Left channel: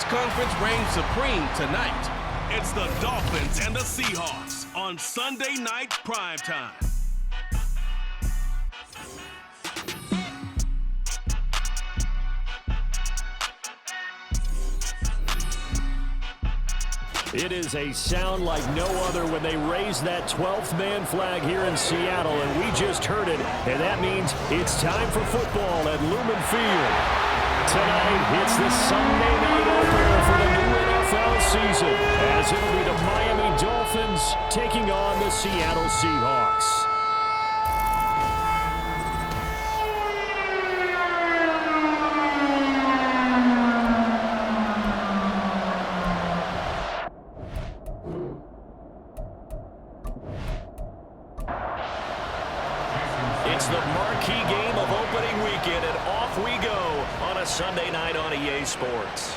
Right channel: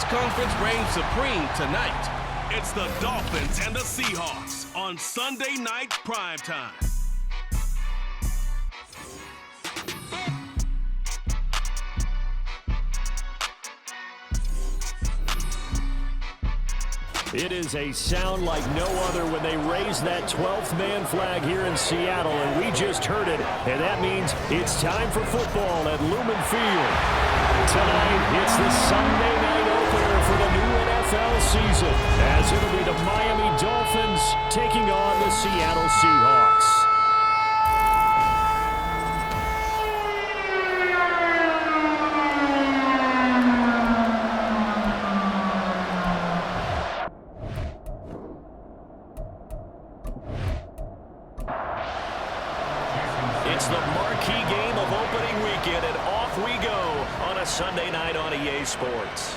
which conference reigns supreme tonight? It's the Dolphins and the Seahawks on Sunday Night Primetime. It is a sound like no other when they raise that 12th man flag here in Seattle, and we just heard it, and that means it's time for football at Lumen Field. Tonight, it's the Sunday night opener for the new NFL season, as it'll be the Miami Dolphins taking on the Seattle Seahawks. It's the marquee game of opening weekend, and off we go on a Sunday night on EA Sports.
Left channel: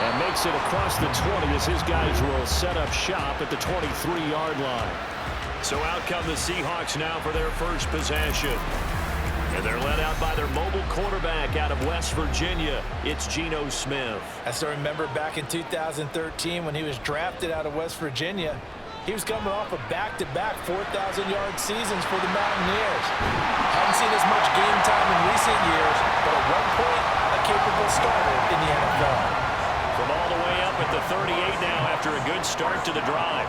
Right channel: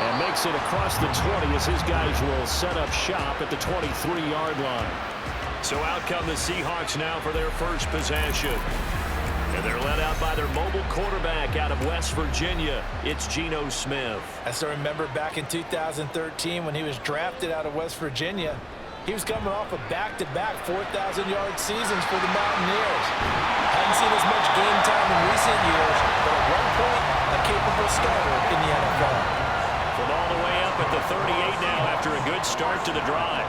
And makes it across the 20 as his guys will set up shop at the 23-yard line. So out come the Seahawks now for their first possession. And they're led out by their mobile quarterback out of West Virginia. It's Geno Smith. I still remember back in 2013 when he was drafted out of West Virginia. He was coming off of back-to-back 4,000-yard seasons for the Mountaineers. Hadn't seen as much game time in recent years, but at one point, a capable starter in the NFL. From all the way up at the 38 now after a good start to the drive.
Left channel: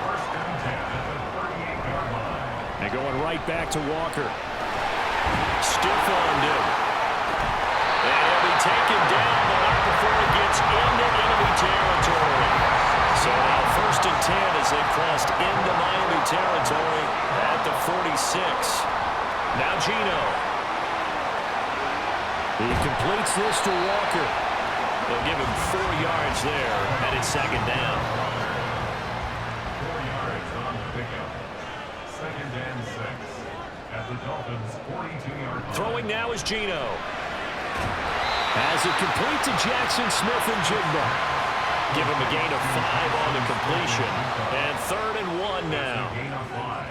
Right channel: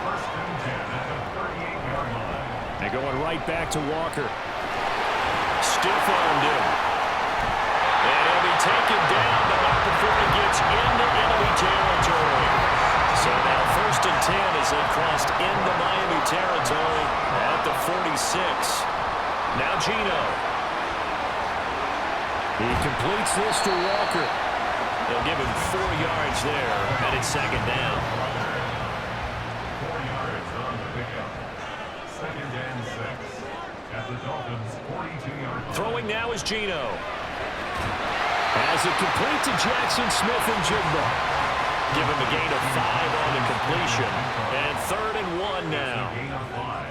First and 10 at the 38-yard line. And going right back to Walker. Stiff-armed him. And he'll be taken down, but not before he gets into enemy territory. So now first and 10 as they crossed into Miami territory at the 46. Now Geno. He completes this to Walker. They'll give him 4 yards there, and it's second down. 4 yards on the pickup. Second and 6 at the Dolphins' 42-yard line. Throwing now is Geno. As it complete to Jackson Smith and Jigba. Give him a gain of 5 on the completion. And 3rd and 1 now. Gain of 5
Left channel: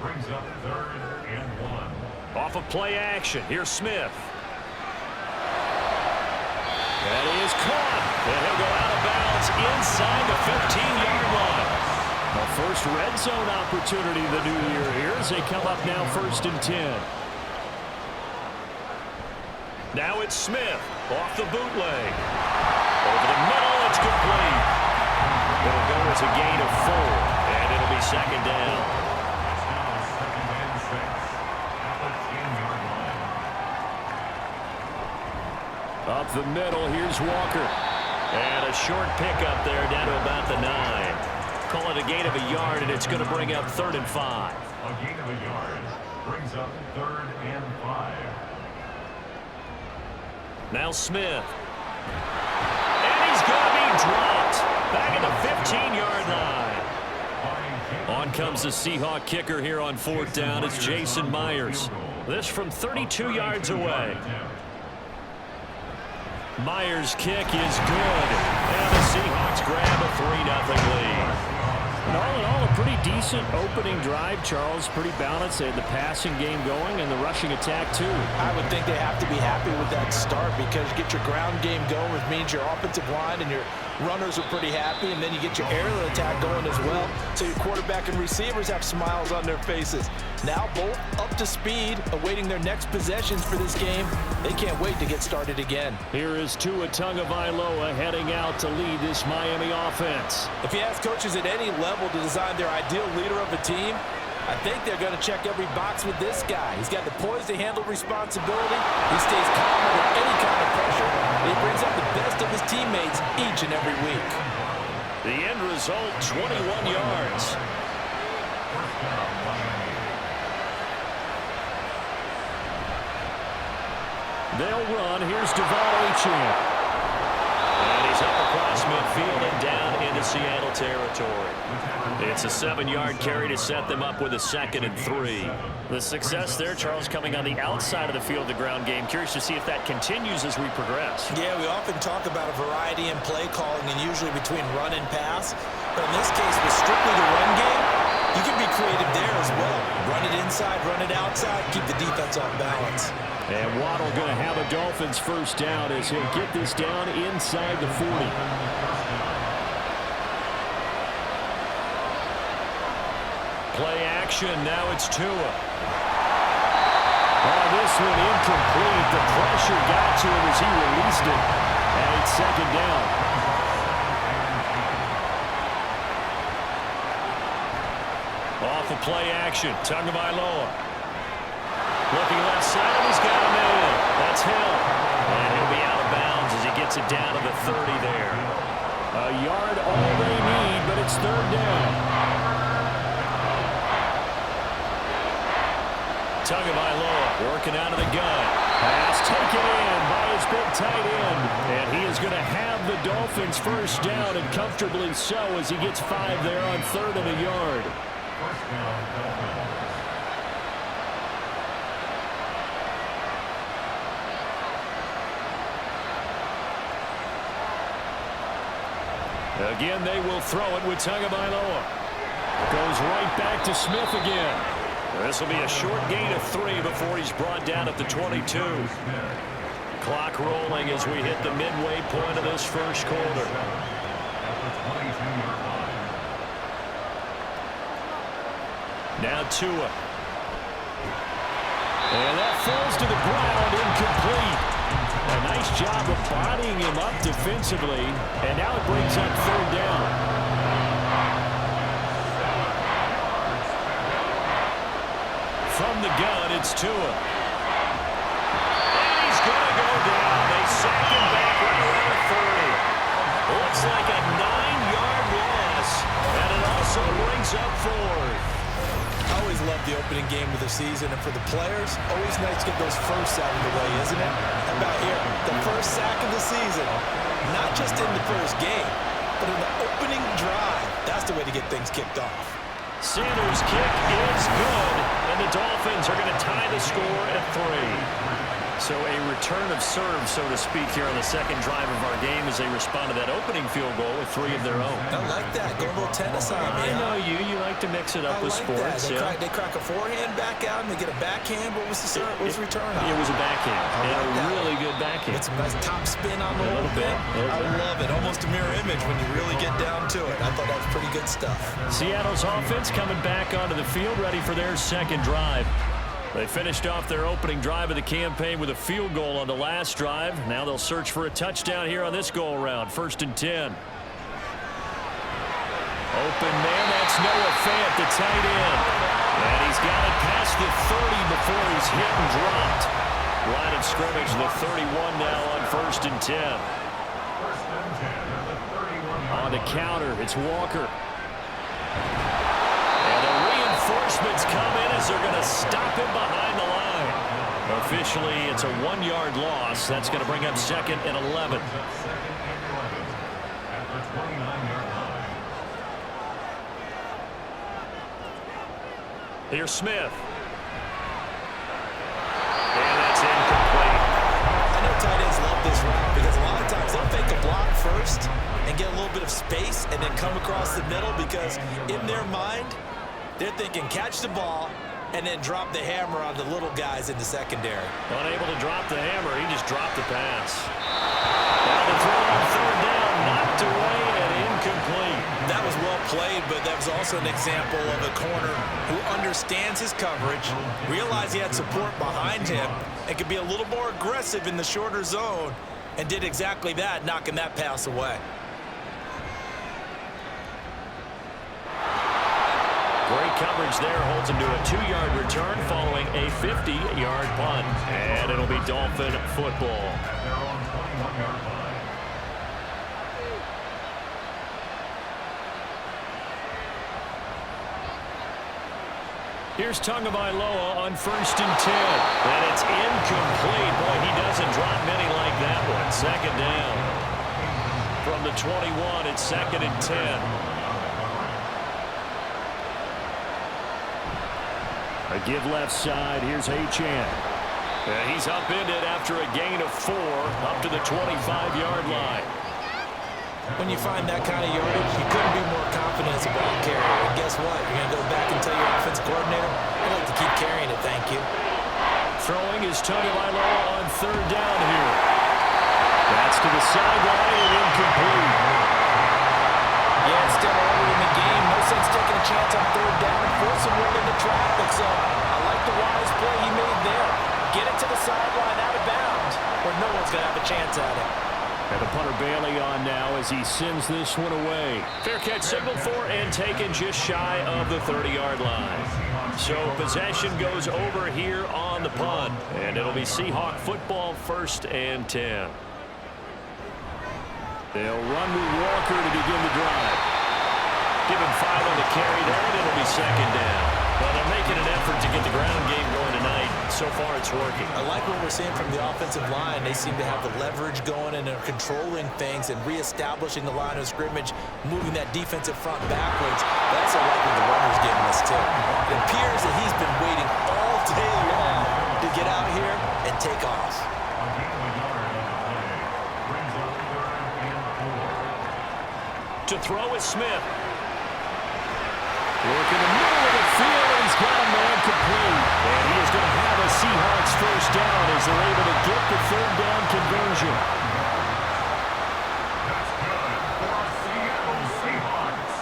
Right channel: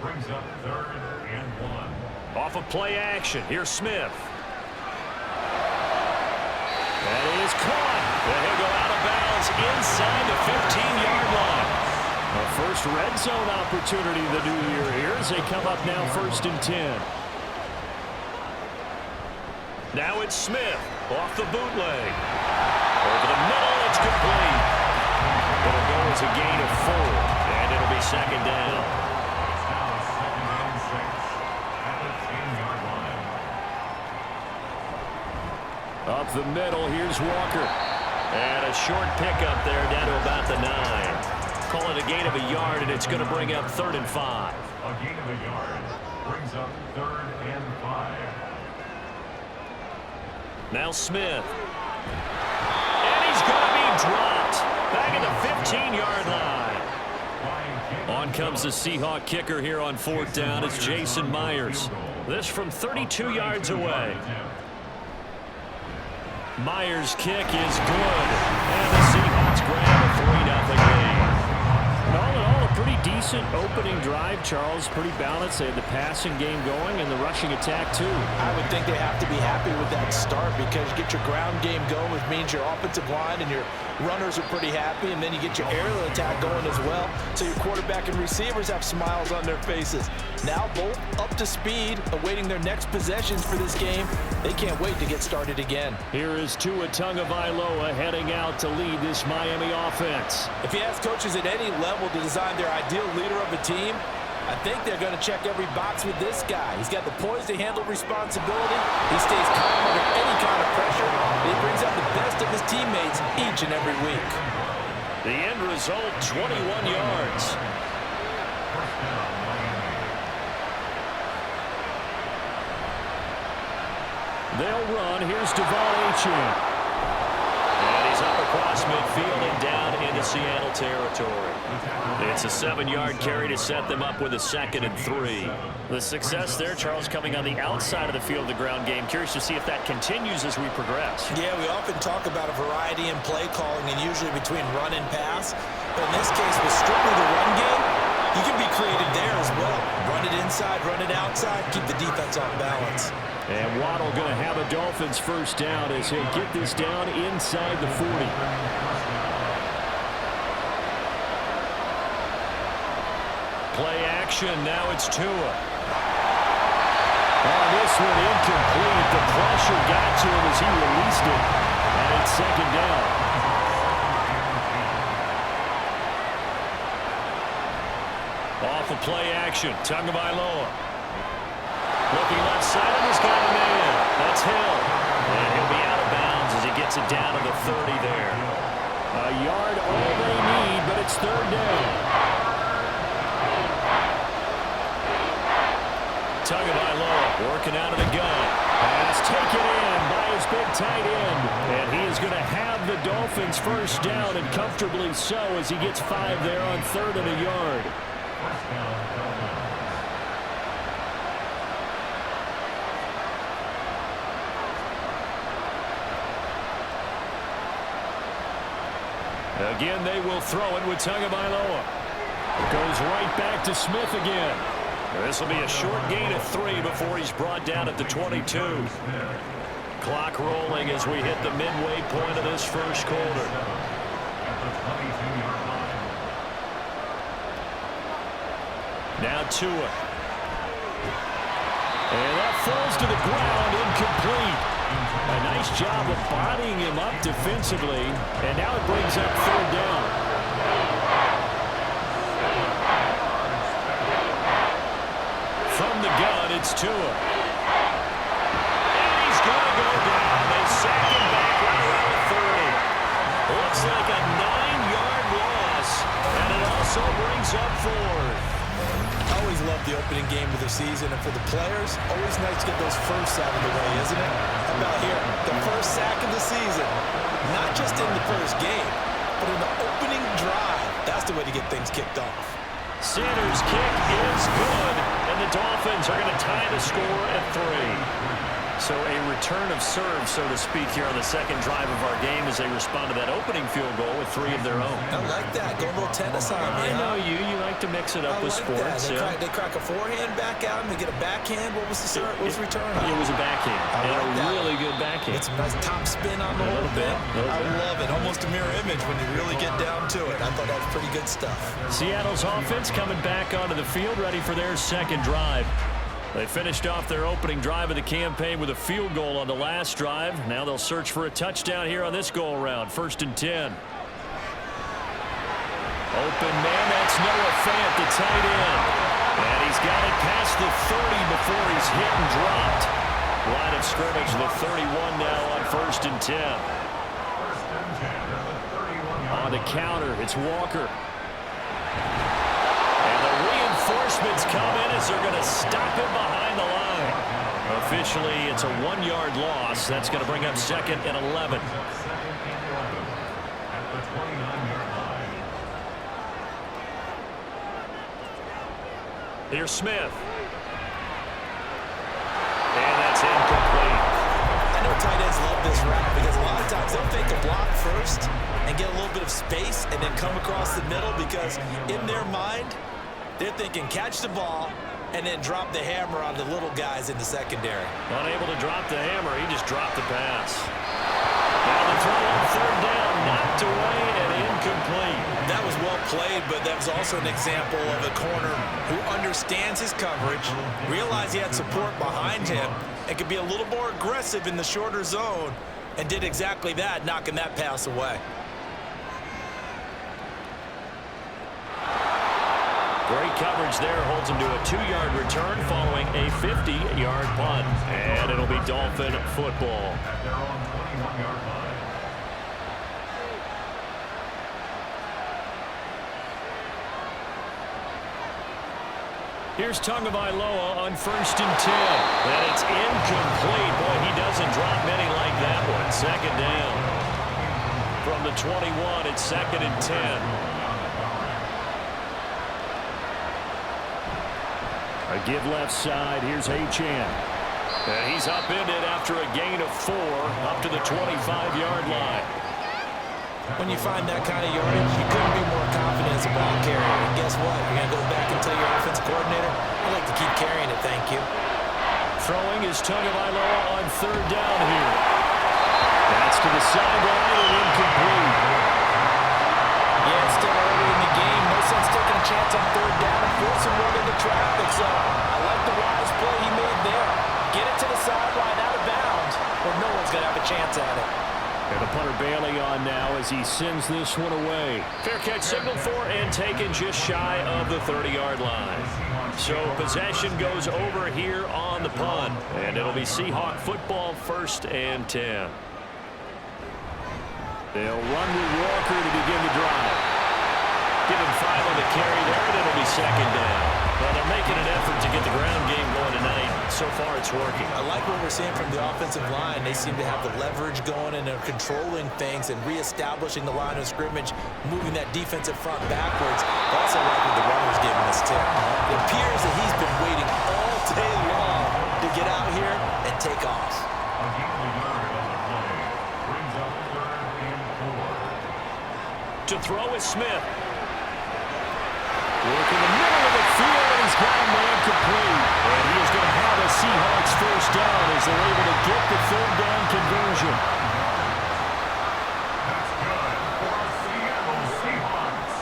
brings up 3rd and 1. Off of play action. Here's Smith. That is caught. And he'll go out of bounds inside the 15-yard line. A first red zone opportunity the new year here as they come up now 1st and 10. Now it's Smith off the bootleg. Over the middle, it's complete. It'll go as a gain of 4, and it'll be second down. It's now second and 6 at the 10-yard line. Up the middle, here's Walker. And a short pickup there down to about the 9. Call it a gain of a yard, and it's going to bring up 3rd and 5. A gain of a yard brings up 3rd and 5. Now Smith. And he's going to be dropped. Back at the 15-yard line. On comes the Seahawk kicker here on 4th down. It's Jason Myers. This from 32 yards away. Myers' kick is good. And the Seahawks grab a 3-0 lead. And all in all, a pretty decent opening drive, Charles. Pretty balanced. They had the passing game going and the rushing attack, too. I would think they have to be happy with that start because you get your ground game going, which means your offensive line and your runners are pretty happy, and then you get your aerial attack going as well, so your quarterback and receivers have smiles on their faces. Now both up to speed, awaiting their next possessions for this game. They can't wait to get started again. Here is Tua Tagovailoa heading out to lead this Miami offense. If you ask coaches at any level to design their ideal leader of a team, I think they're going to check every box with this guy. He's got the poise to handle responsibility. He stays calm under any kind of pressure. And he brings out the best of his teammates each and every week. The end result, 21 yards. First down, Miami. They'll run. Here's Devon Achane. And he's up across midfield and down into Seattle territory. It's a 7-yard carry to set them up with a 2nd and 3. The success there, Charles, coming on the outside of the field, the ground game. Curious to see if that continues as we progress. Yeah, we often talk about a variety in play calling and usually between run and pass. But in this case, with strictly the run game, you can be creative there as well. Run it inside, run it outside, keep the defense off balance. And Waddle going to have a Dolphins first down as he'll get this down inside the 40. Play action. Now it's Tua. Oh, this one incomplete. The pressure got to him as he released it. And it's second down. Off of play action. Tagovailoa. Looking left side, and he's got a man. That's Hill. And he'll be out of bounds as he gets it down to the 30 there. A yard all they need, but it's third down. Tagovailoa working out of the gun. Pass taken in by his big tight end. And he is going to have the Dolphins first down, and comfortably so, as he gets 5 there on 3rd and a yard. First down, Dolphins. Again, they will throw it with Tagovailoa. Goes right back to Smith again. This will be a short gain of 3 before he's brought down at the 22. Clock rolling as we hit the midway point of this first quarter. At the 22-yard line. Now Tua. And that falls to the ground, incomplete. A nice job of bodying him up defensively, and now it brings up third down. From the gun, it's Tua. And he's going to go down. They sack him back right around the 30. Looks like a 9-yard loss, and it also brings up fourth. I always love the opening game of the season, and for the players, always nice to get those firsts out of the way, isn't it? How about here? The first sack of the season. Not just in the first game, but in the opening drive. That's the way to get things kicked off. Sanders' kick is good, and the Dolphins are going to tie the score at 3. So a return of serve, so to speak, here on the second drive of our game as they respond to that opening field goal with 3 of their own. I like that. Go a little tennis on me. I know you. You like to mix it up with sports. They crack a forehand back out and they get a backhand. What was the return on? It was a backhand. And a really good backhand. It's a nice top spin on the whole bit. I love it. Almost a mirror image when you really get down to it. I thought that was pretty good stuff. Seattle's offense coming back onto the field, ready for their second drive. They finished off their opening drive of the campaign with a field goal on the last drive. Now they'll search for a touchdown here on this go-around. 1st and 10. Open man, that's Noah Fant, the tight end. And he's got it past the 30 before he's hit and dropped. Line of scrimmage, the 31 now on 1st and 10. 1st and 10 at the 31-yard On the counter, it's Walker. And the reinforcements come in as they're going to stop him behind the line. Officially, it's a 1-yard loss. That's going to bring up 2nd and 11. 2nd and 11 at the 29-yard line. Here's Smith. And that's incomplete. I know tight ends love this route because a lot of times they'll fake a block first and get a little bit of space and then come across the middle because in their mind, they're thinking catch the ball and then drop the hammer on the little guys in the secondary. Unable to drop the hammer, he just dropped the pass. Now the throw on 3rd down, knocked away and incomplete. That was well played, but that was also an example of a corner who understands his coverage, realized he had support behind him, and could be a little more aggressive in the shorter zone, and did exactly that, knocking that pass away. Great coverage there, holds him to a 2-yard return following a 50-yard punt. And it'll be Dolphin football. At their own 21-yard line. Here's Tagovailoa on 1st and 10. And it's incomplete. Boy, he doesn't drop many like that one. 2nd down. From the 21, it's 2nd and 10. A give left side. Here's Achane. And he's upended after a gain of 4 up to the 25-yard line. When you find that kind of yardage, you couldn't be more confident as a ball carrier. And guess what? You're going to go back and tell your offensive coordinator, I'd like to keep carrying it, thank you. Throwing is Tagovailoa on third down here. That's to the sideline and incomplete. Yeah, it's still early in the game. No sense taking a chance on third down and forcing one into traffic. So I like the wise play he made there. Get it to the sideline out of bounds where no one's going to have a chance at it. And the punter Bailey on now as he sends this one away. Fair catch signaled for and taken just shy of the 30-yard line. So possession goes over here on the punt. And it'll be Seahawk football, 1st and 10. They'll run with Walker to begin the drive. Give him 5 on the carry there, and it'll be 2nd down. Well, they're making an effort to get the ground game going tonight. So far, it's working. I like what we're seeing from the offensive line. They seem to have the leverage going, and they're controlling things and reestablishing the line of scrimmage, moving that defensive front backwards. I also like what the runner's giving us, too. It appears that he's been waiting all day long to get out here and take off. A gain of a yard on the play brings up 3rd and 4. To throw is Smith. Work in the middle of the field, and he's got a man complete. And he is going to have a Seahawks 1st down as they're able to get the 3rd down conversion. That's good for our Seattle Seahawks.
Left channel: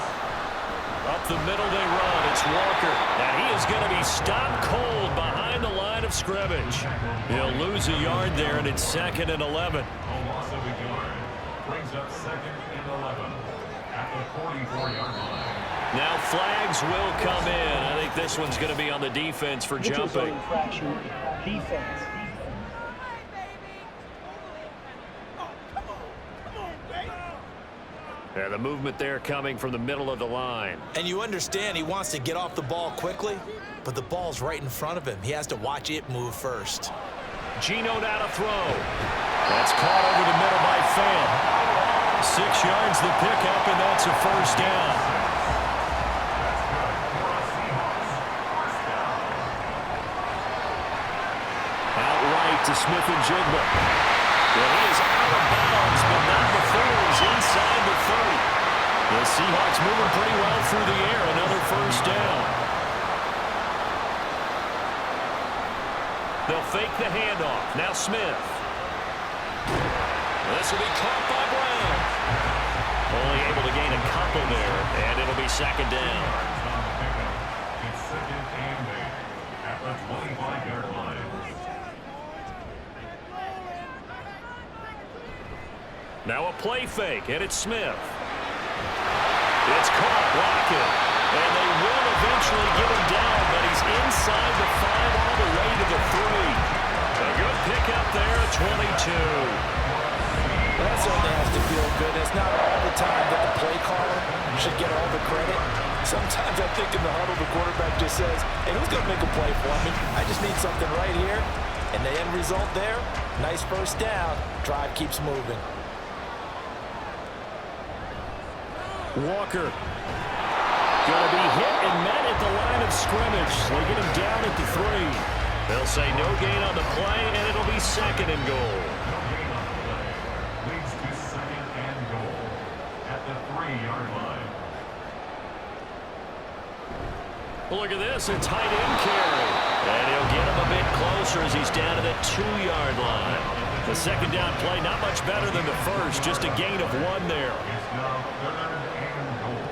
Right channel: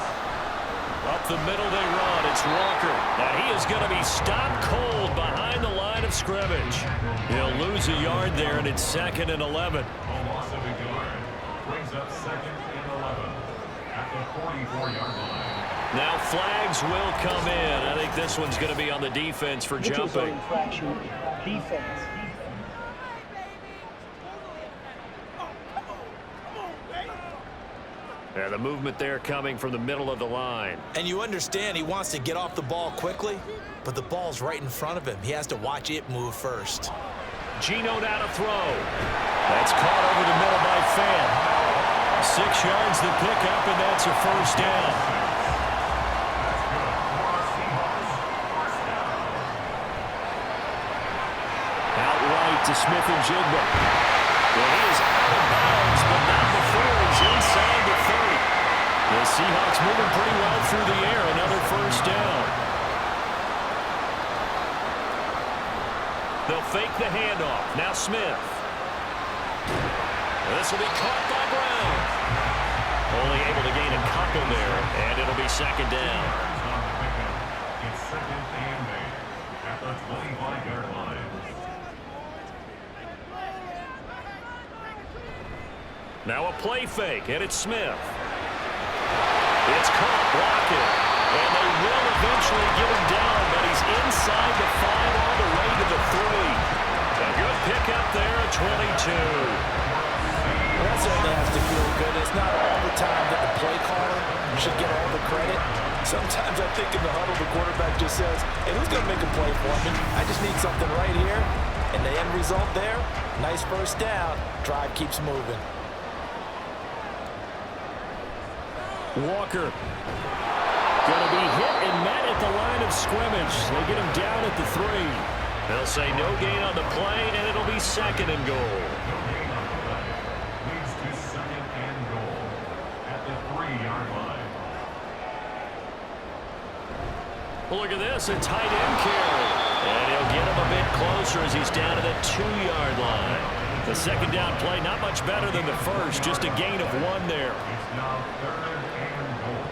Up the middle they run. It's Walker. And he is going to be stopped cold behind the line of scrimmage. He'll lose a yard there, and it's 2nd and 11. A loss of a yard brings up 2nd and 11 at the 44-yard line. Now flags will come in. I think this one's going to be on the defense for jumping. Infraction, defense. Yeah, the movement there coming from the middle of the line. And you understand he wants to get off the ball quickly, but the ball's right in front of him. He has to watch it move first. Geno now to throw. That's caught over the middle by Fan. 6 yards the pickup, and that's a 1st down. Outright to Smith and Jigba. Well, he is out of bounds, but not before he's inside the 30. The Seahawks moving pretty well through the air. Another 1st down. They'll fake the handoff. Now Smith. This will be caught by Brown. Only able to gain a couple there, and it'll be 2nd down. It's 2nd and 8 at the 25-yard line. Now a play fake, and it's Smith. It's caught, Lockett. And they will eventually get him down, but he's inside the 5 all the way to the 3. A good pickup there at 22. Well, that certainly has to feel good. It's not all the time that the play caller should get all the credit. Sometimes I think in the huddle, the quarterback just says, hey, who's going to make a play for me? I just need something right here. And the end result there, nice 1st down. Drive keeps moving. Walker. Going to be hit and met at the line of scrimmage. They get him down at the 3. They'll say no gain on the play, and it'll be 2nd and goal. No gain on the play. Leads to 2nd and goal at the 3-yard line. Look at this, a tight end carry. And he'll get him a bit closer as he's down to the 2-yard line. The 2nd down play, not much better than the first, just a gain of 1 there. It's now 3rd and goal.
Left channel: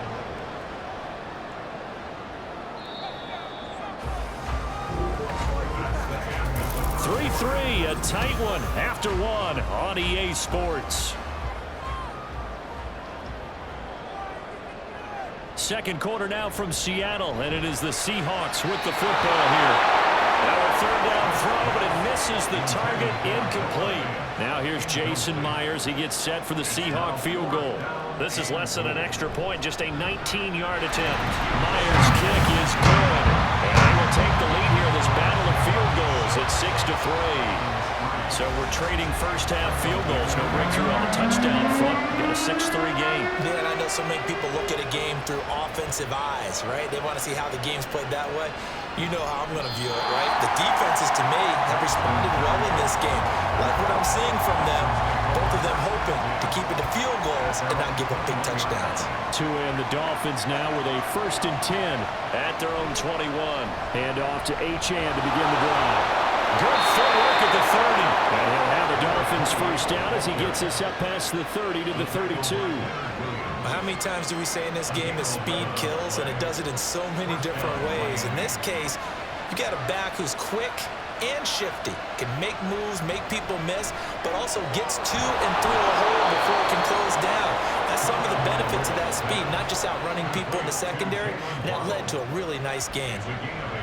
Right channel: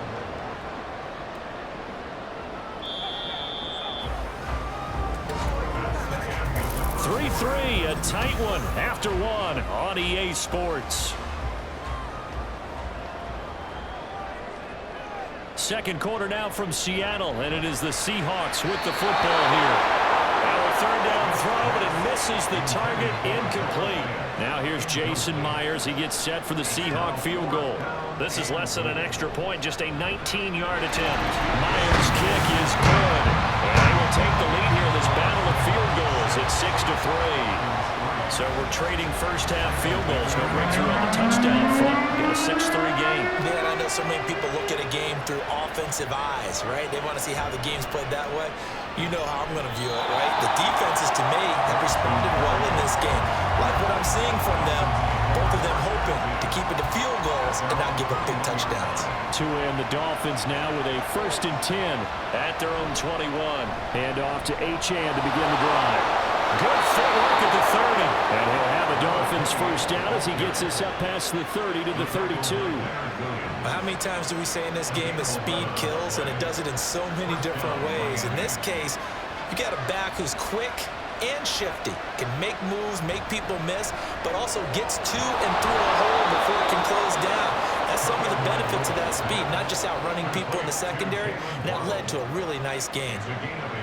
3-3, a tight one after 1 on EA Sports. 2nd quarter now from Seattle, and it is the Seahawks with the football here. Now a 3rd down throw, but it misses the target, incomplete. Now here's Jason Myers. He gets set for the Seahawk field goal. This is less than an extra point, just a 19-yard attempt. Myers' kick is good, and they will take the lead here in this battle of field goals at 6-3. So we're trading first-half field goals. No breakthrough on the touchdown front. Get a 6-3 game. Yeah, and I know so many people look at a game through offensive eyes, right? They want to see how the game's played that way. You know how I'm going to view it, right? The defenses, to me, have responded well in this game. Like what I'm seeing from them, both of them hoping to keep it to field goals and not give up big touchdowns. And the Dolphins now with a 1st and 10 at their own 21. Hand off to Achane to begin the drive. Good footwork at the 30. And he'll have a Dolphins first down as he gets us up past the 30 to the 32. How many times do we say in this game that speed kills, and it does it in so many different ways? In this case, you got a back who's quick and shifty, can make moves, make people miss, but also gets to and through a hole before it can close down. That's some of the benefits of that speed, not just outrunning people in the secondary, and that led to a really nice gain. It's a gain of 8.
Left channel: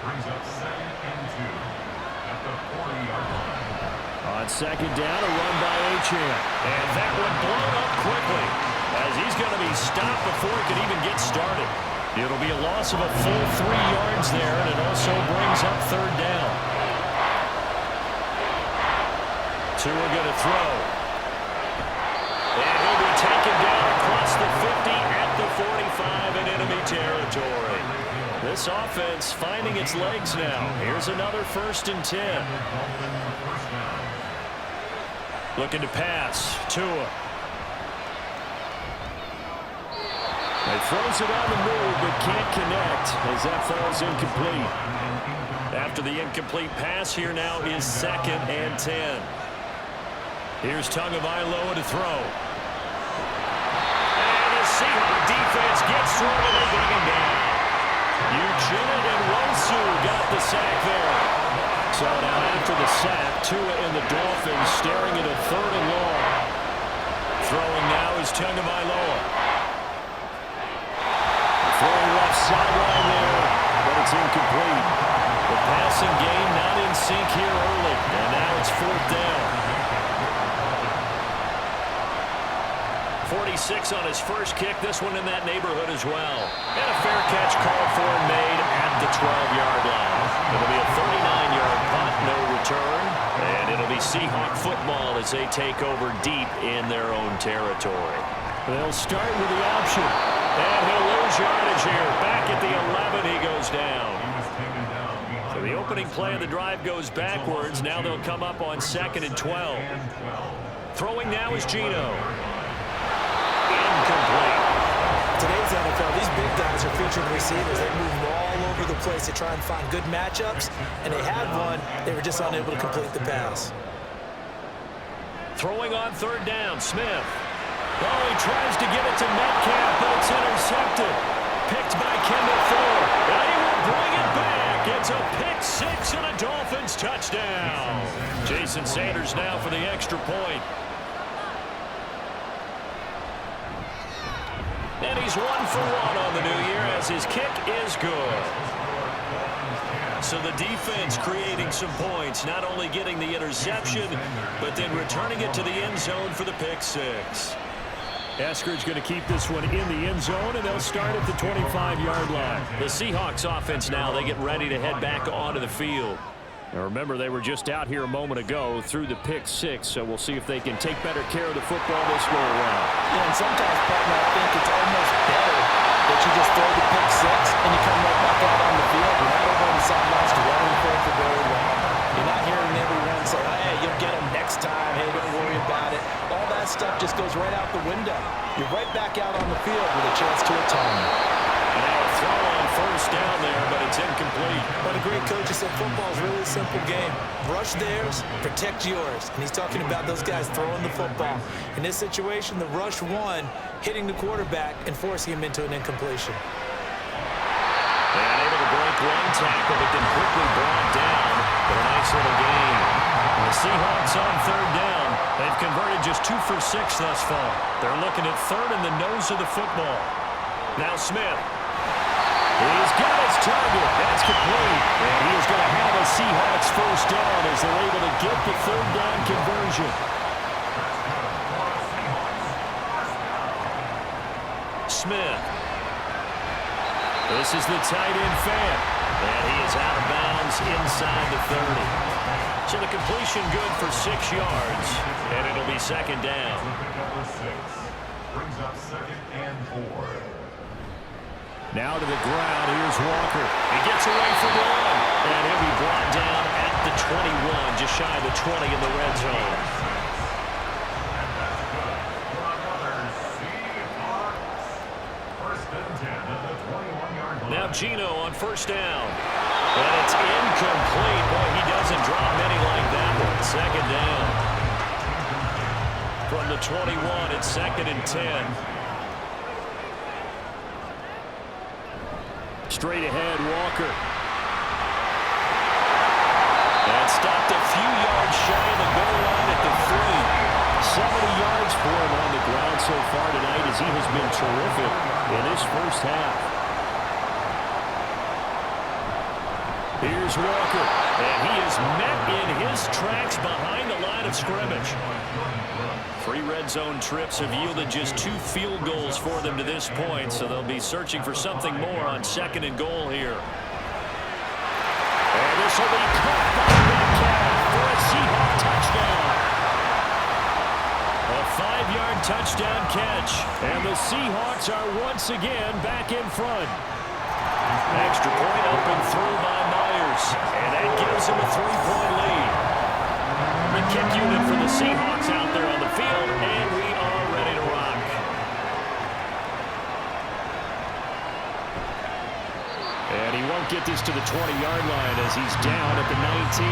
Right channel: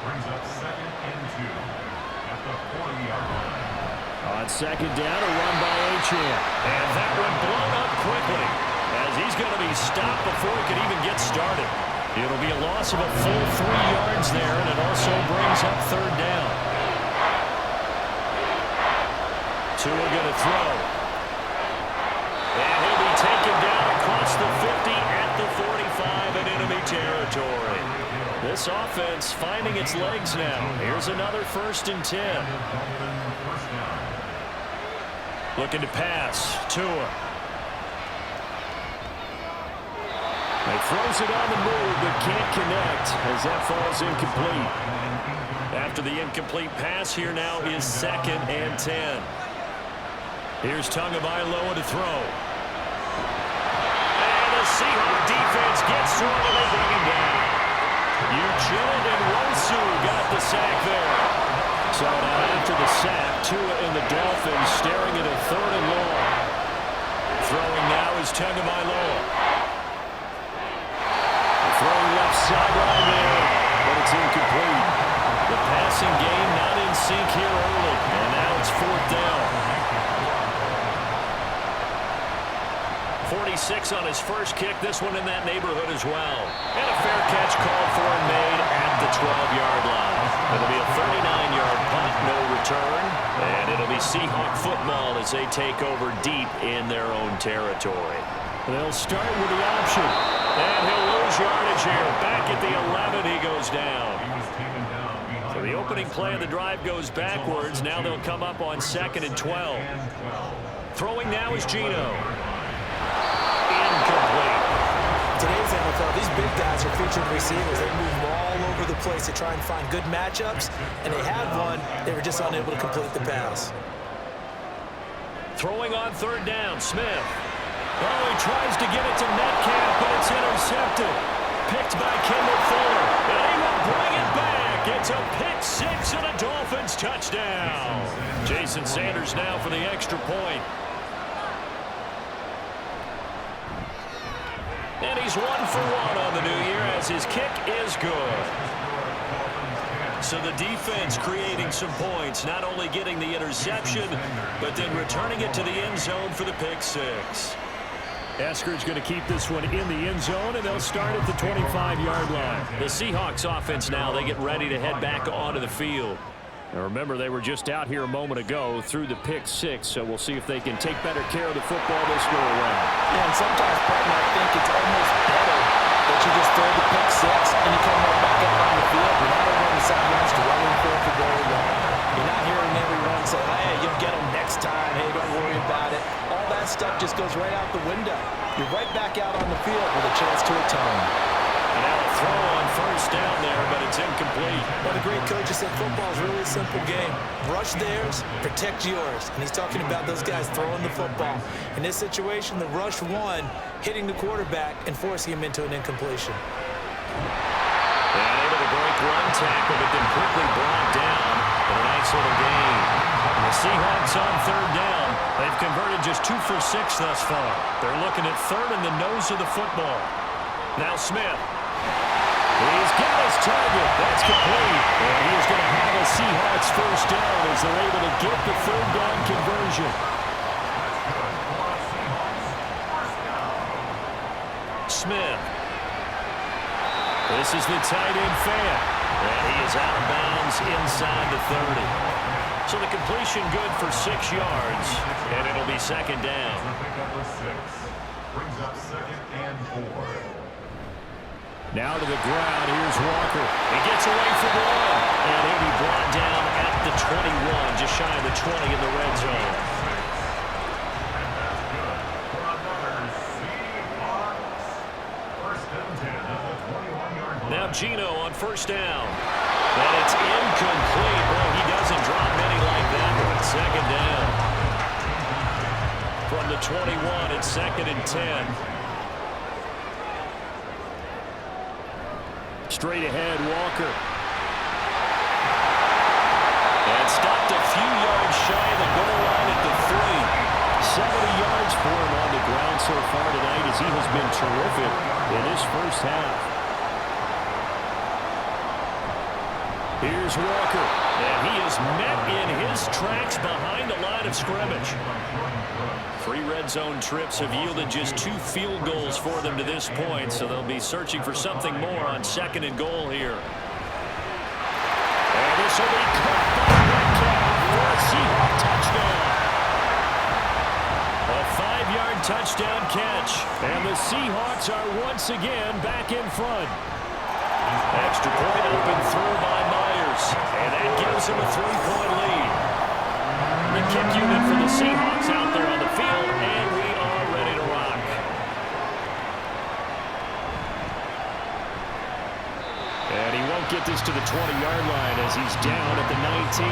Brings up 2nd and 2 at the 40-yard line. On second down, a run by Achane. And that one blown up quickly as he's going to be stopped before he can even get started. It'll be a loss of a full 3 yards there, and it also brings up third down. Tua going to throw. And he'll be taken down across the 50 at the 45 in enemy territory. This offense finding its legs now. Here's another 1st and 10. Looking to pass. Tua. He throws it on the move, but can't connect as that falls incomplete. After the incomplete pass, here now is 2nd and 10. Here's Tagovailoa to throw. And the Seahawks defense gets through and they bring him down. Uchenna and Wosu got the sack there. So now after the sack, Tua and the Dolphins staring at a 3rd and long. Throwing now is Tagovailoa. Throwing left sideline there, but it's incomplete. The passing game not in sync here early, and now it's 4th down. 46 on his first kick, this one in that neighborhood as well. And a fair catch called for and made at the 12-yard line. It'll be a 39-yard punt, no return, and it'll be Seahawk football as they take over deep in their own territory. They'll start with the option. And he'll lose yardage here. Back at the 11, he goes down. So the opening play of the drive goes backwards. Now they'll come up on 2nd and 12. Throwing now is Geno. Incomplete. Today's NFL, these big guys are featured receivers. They move all over the place to try and find good matchups, and they had one. They were just unable to complete the pass. Throwing on 3rd down, Smith. Oh, he tries to get it to Metcalf, but it's intercepted. Picked by Kendall Fuller, and he will bring it back. It's a pick 6 and a Dolphins touchdown. Jason Sanders now for the extra point. And he's 1 for 1 on the new year as his kick is good. So the defense creating some points, not only getting the interception, but then returning it to the end zone for the pick 6. Eskridge going to keep this one in the end zone, and they'll start at the 25-yard line. The Seahawks offense now, they get ready to head back onto the field. Now remember, they were just out here a moment ago through the pick 6, so we'll see if they can take better care of the football this go around. Yeah, and sometimes, partner, I think it's almost better that you just throw the pick 6 and you come right back out on the field. You're not over on the sidelines dwelling for very long. You're not hearing everyone say, hey, you'll get them next time. Hey, don't worry about it. All that stuff just goes right out the window. You're right back out on the field with a chance to atone. And now a throw on 1st down there, but it's incomplete. But a great coach has said football is really a simple game. Rush theirs, protect yours. And he's talking about those guys throwing the football. In this situation, the rush won, hitting the quarterback and forcing him into an incompletion. And able to break one tackle, but then quickly brought down. But a nice little gain. And the Seahawks on 3rd down. They've converted just 2 for 6 thus far. They're looking at 3rd in the nose of the football. Now Smith. He's got his target. That's complete. And he is going to have a Seahawks first down as they're able to get the 3rd down conversion. Smith. This is the tight end fan. And he is out of bounds inside the 30. So the completion good for 6 yards. And it'll be 2nd down. Brings up 2nd and 4. Now to the ground. Here's Walker. He gets away from one. And he'll be brought down at the 21, just shy of the 20 in the red zone. And that's good for another Seahawks. 1st and 10 at the 21-yard line. Now Geno on 1st down. And it's incomplete. Boy, he doesn't drop many like that one. Second down. From the 21, it's 2nd and 10. Straight ahead, Walker. And stopped a few yards shy of the goal line at the 3. 70 yards for him on the ground so far tonight as he has been terrific in his first half. Here's Walker, and he is met in his tracks behind the line of scrimmage. 3 red zone trips have yielded just 2 field goals for them to this point, so they'll be searching for something more on 2nd and goal here. And this will be caught by Metcalf for a Seahawks touchdown. A 5-yard touchdown catch, and the Seahawks are once again back in front. Extra point up and through by Myers, and that gives him a 3-point lead. The kick unit for the Seahawks out there on the field, and we are ready to rock. And he won't get this to the 20-yard line as he's down at the 19.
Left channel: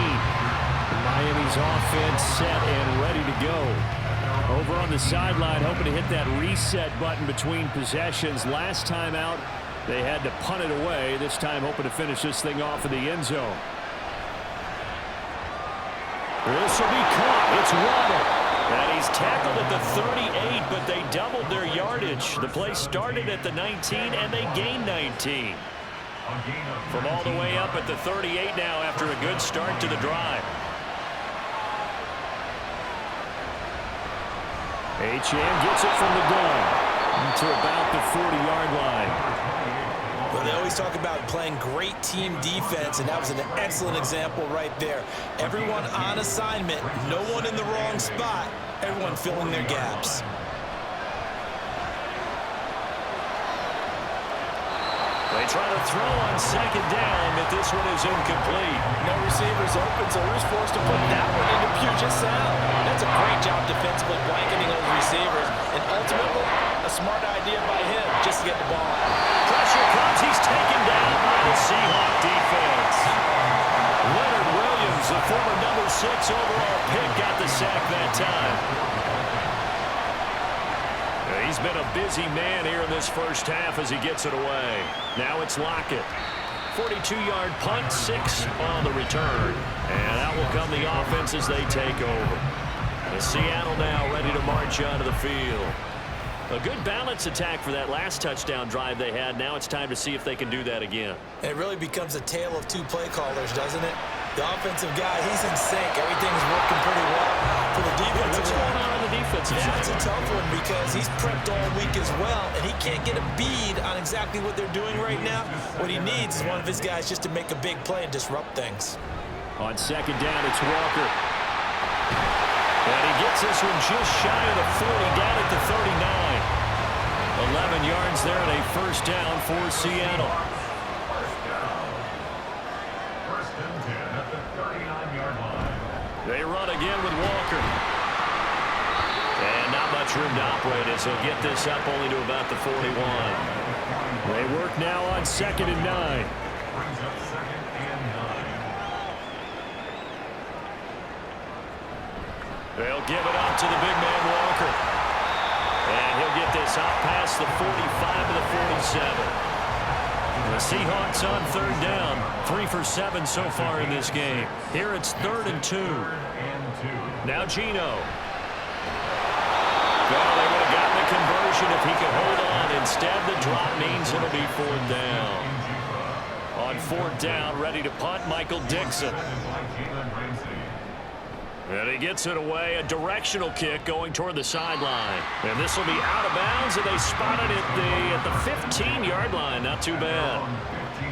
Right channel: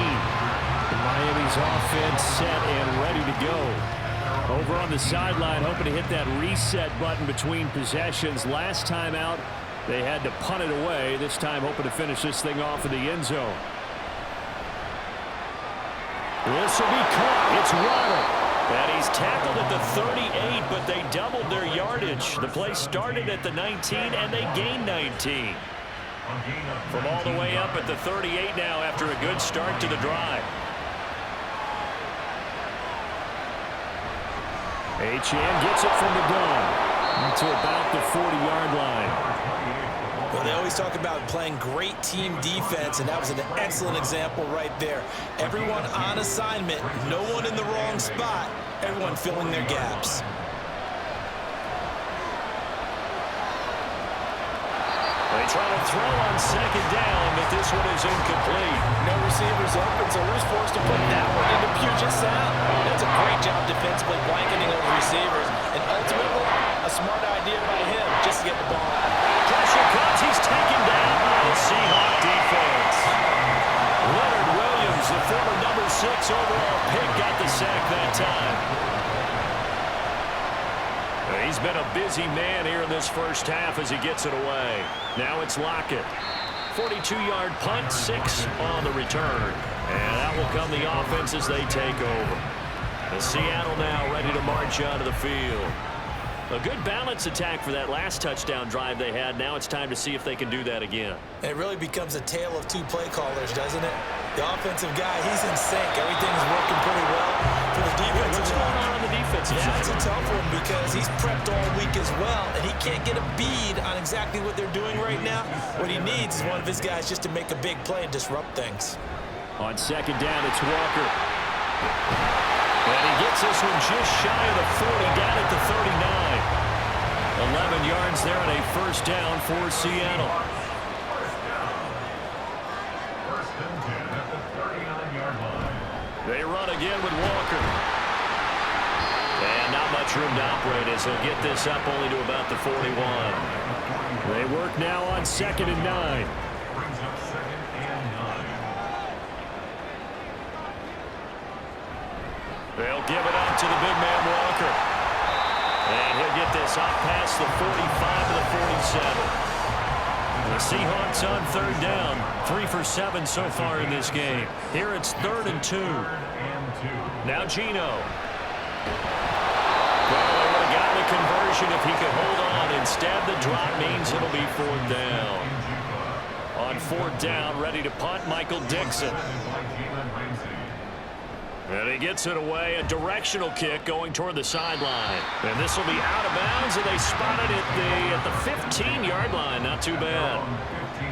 Miami's offense set and ready to go. Over on the sideline, hoping to hit that reset button between possessions. Last time out, they had to punt it away. This time hoping to finish this thing off in the end zone. This will be caught. It's Waddle. And he's tackled at the 38, but they doubled their yardage. The play started at the 19, and they gained 19. From all the way up at the 38 now after a good start to the drive. Achane gets it from the gun to about the 40-yard line. Well, they always talk about playing great team defense, and that was an excellent example right there. Everyone on assignment, no one in the wrong spot, everyone filling their gaps. They try to throw on 2nd down, but this one is incomplete. No receivers open, so Roo's forced to put that one into Puget Sound. That's a great job defensively blanketing those receivers, and ultimately a smart idea by him just to get the ball out. Pressure comes. He's taken down by the Seahawk defense. Leonard Williams, the former number 6 overall pick, got the sack that time. He's been a busy man here in this first half as he gets it away. Now it's Lockett. 42-yard punt, 6 on the return. And out will come the offense as they take over. And Seattle now ready to march onto the field. A good balance attack for that last touchdown drive they had. Now it's time to see if they can do that again. And it really becomes a tale of 2 play callers, doesn't it? The offensive guy, he's in sync. Everything's working pretty well. For the defensive What's going on the defensive side? That's a tough one because he's prepped all week as well, and he can't get a bead on exactly what they're doing right now. What he needs is one of his guys just to make a big play and disrupt things. On 2nd down, it's Walker. And he gets this one just shy of the 40, down at the 39. 11 yards there and a first down for Seattle. First and 10 at the 39-yard line. They run again with Walker. And not much room to operate as he'll get this up only to about the 41. They work now on 2nd and 9. Brings up 2nd and 9. They'll give it up to the big man Walker. And he'll get this up past the 45 to the 47. The Seahawks on 3rd down. 3 for 7 so far in this game. Here it's 3rd and 2. Now Geno. Well, they would have gotten the conversion if he could hold on. Instead, the drop means it'll be 4th down. On 4th down, ready to punt, Michael Dixon. And he gets it away, a directional kick going toward the sideline. And this will be out of bounds, and they spot it at the 15-yard line. Not too bad.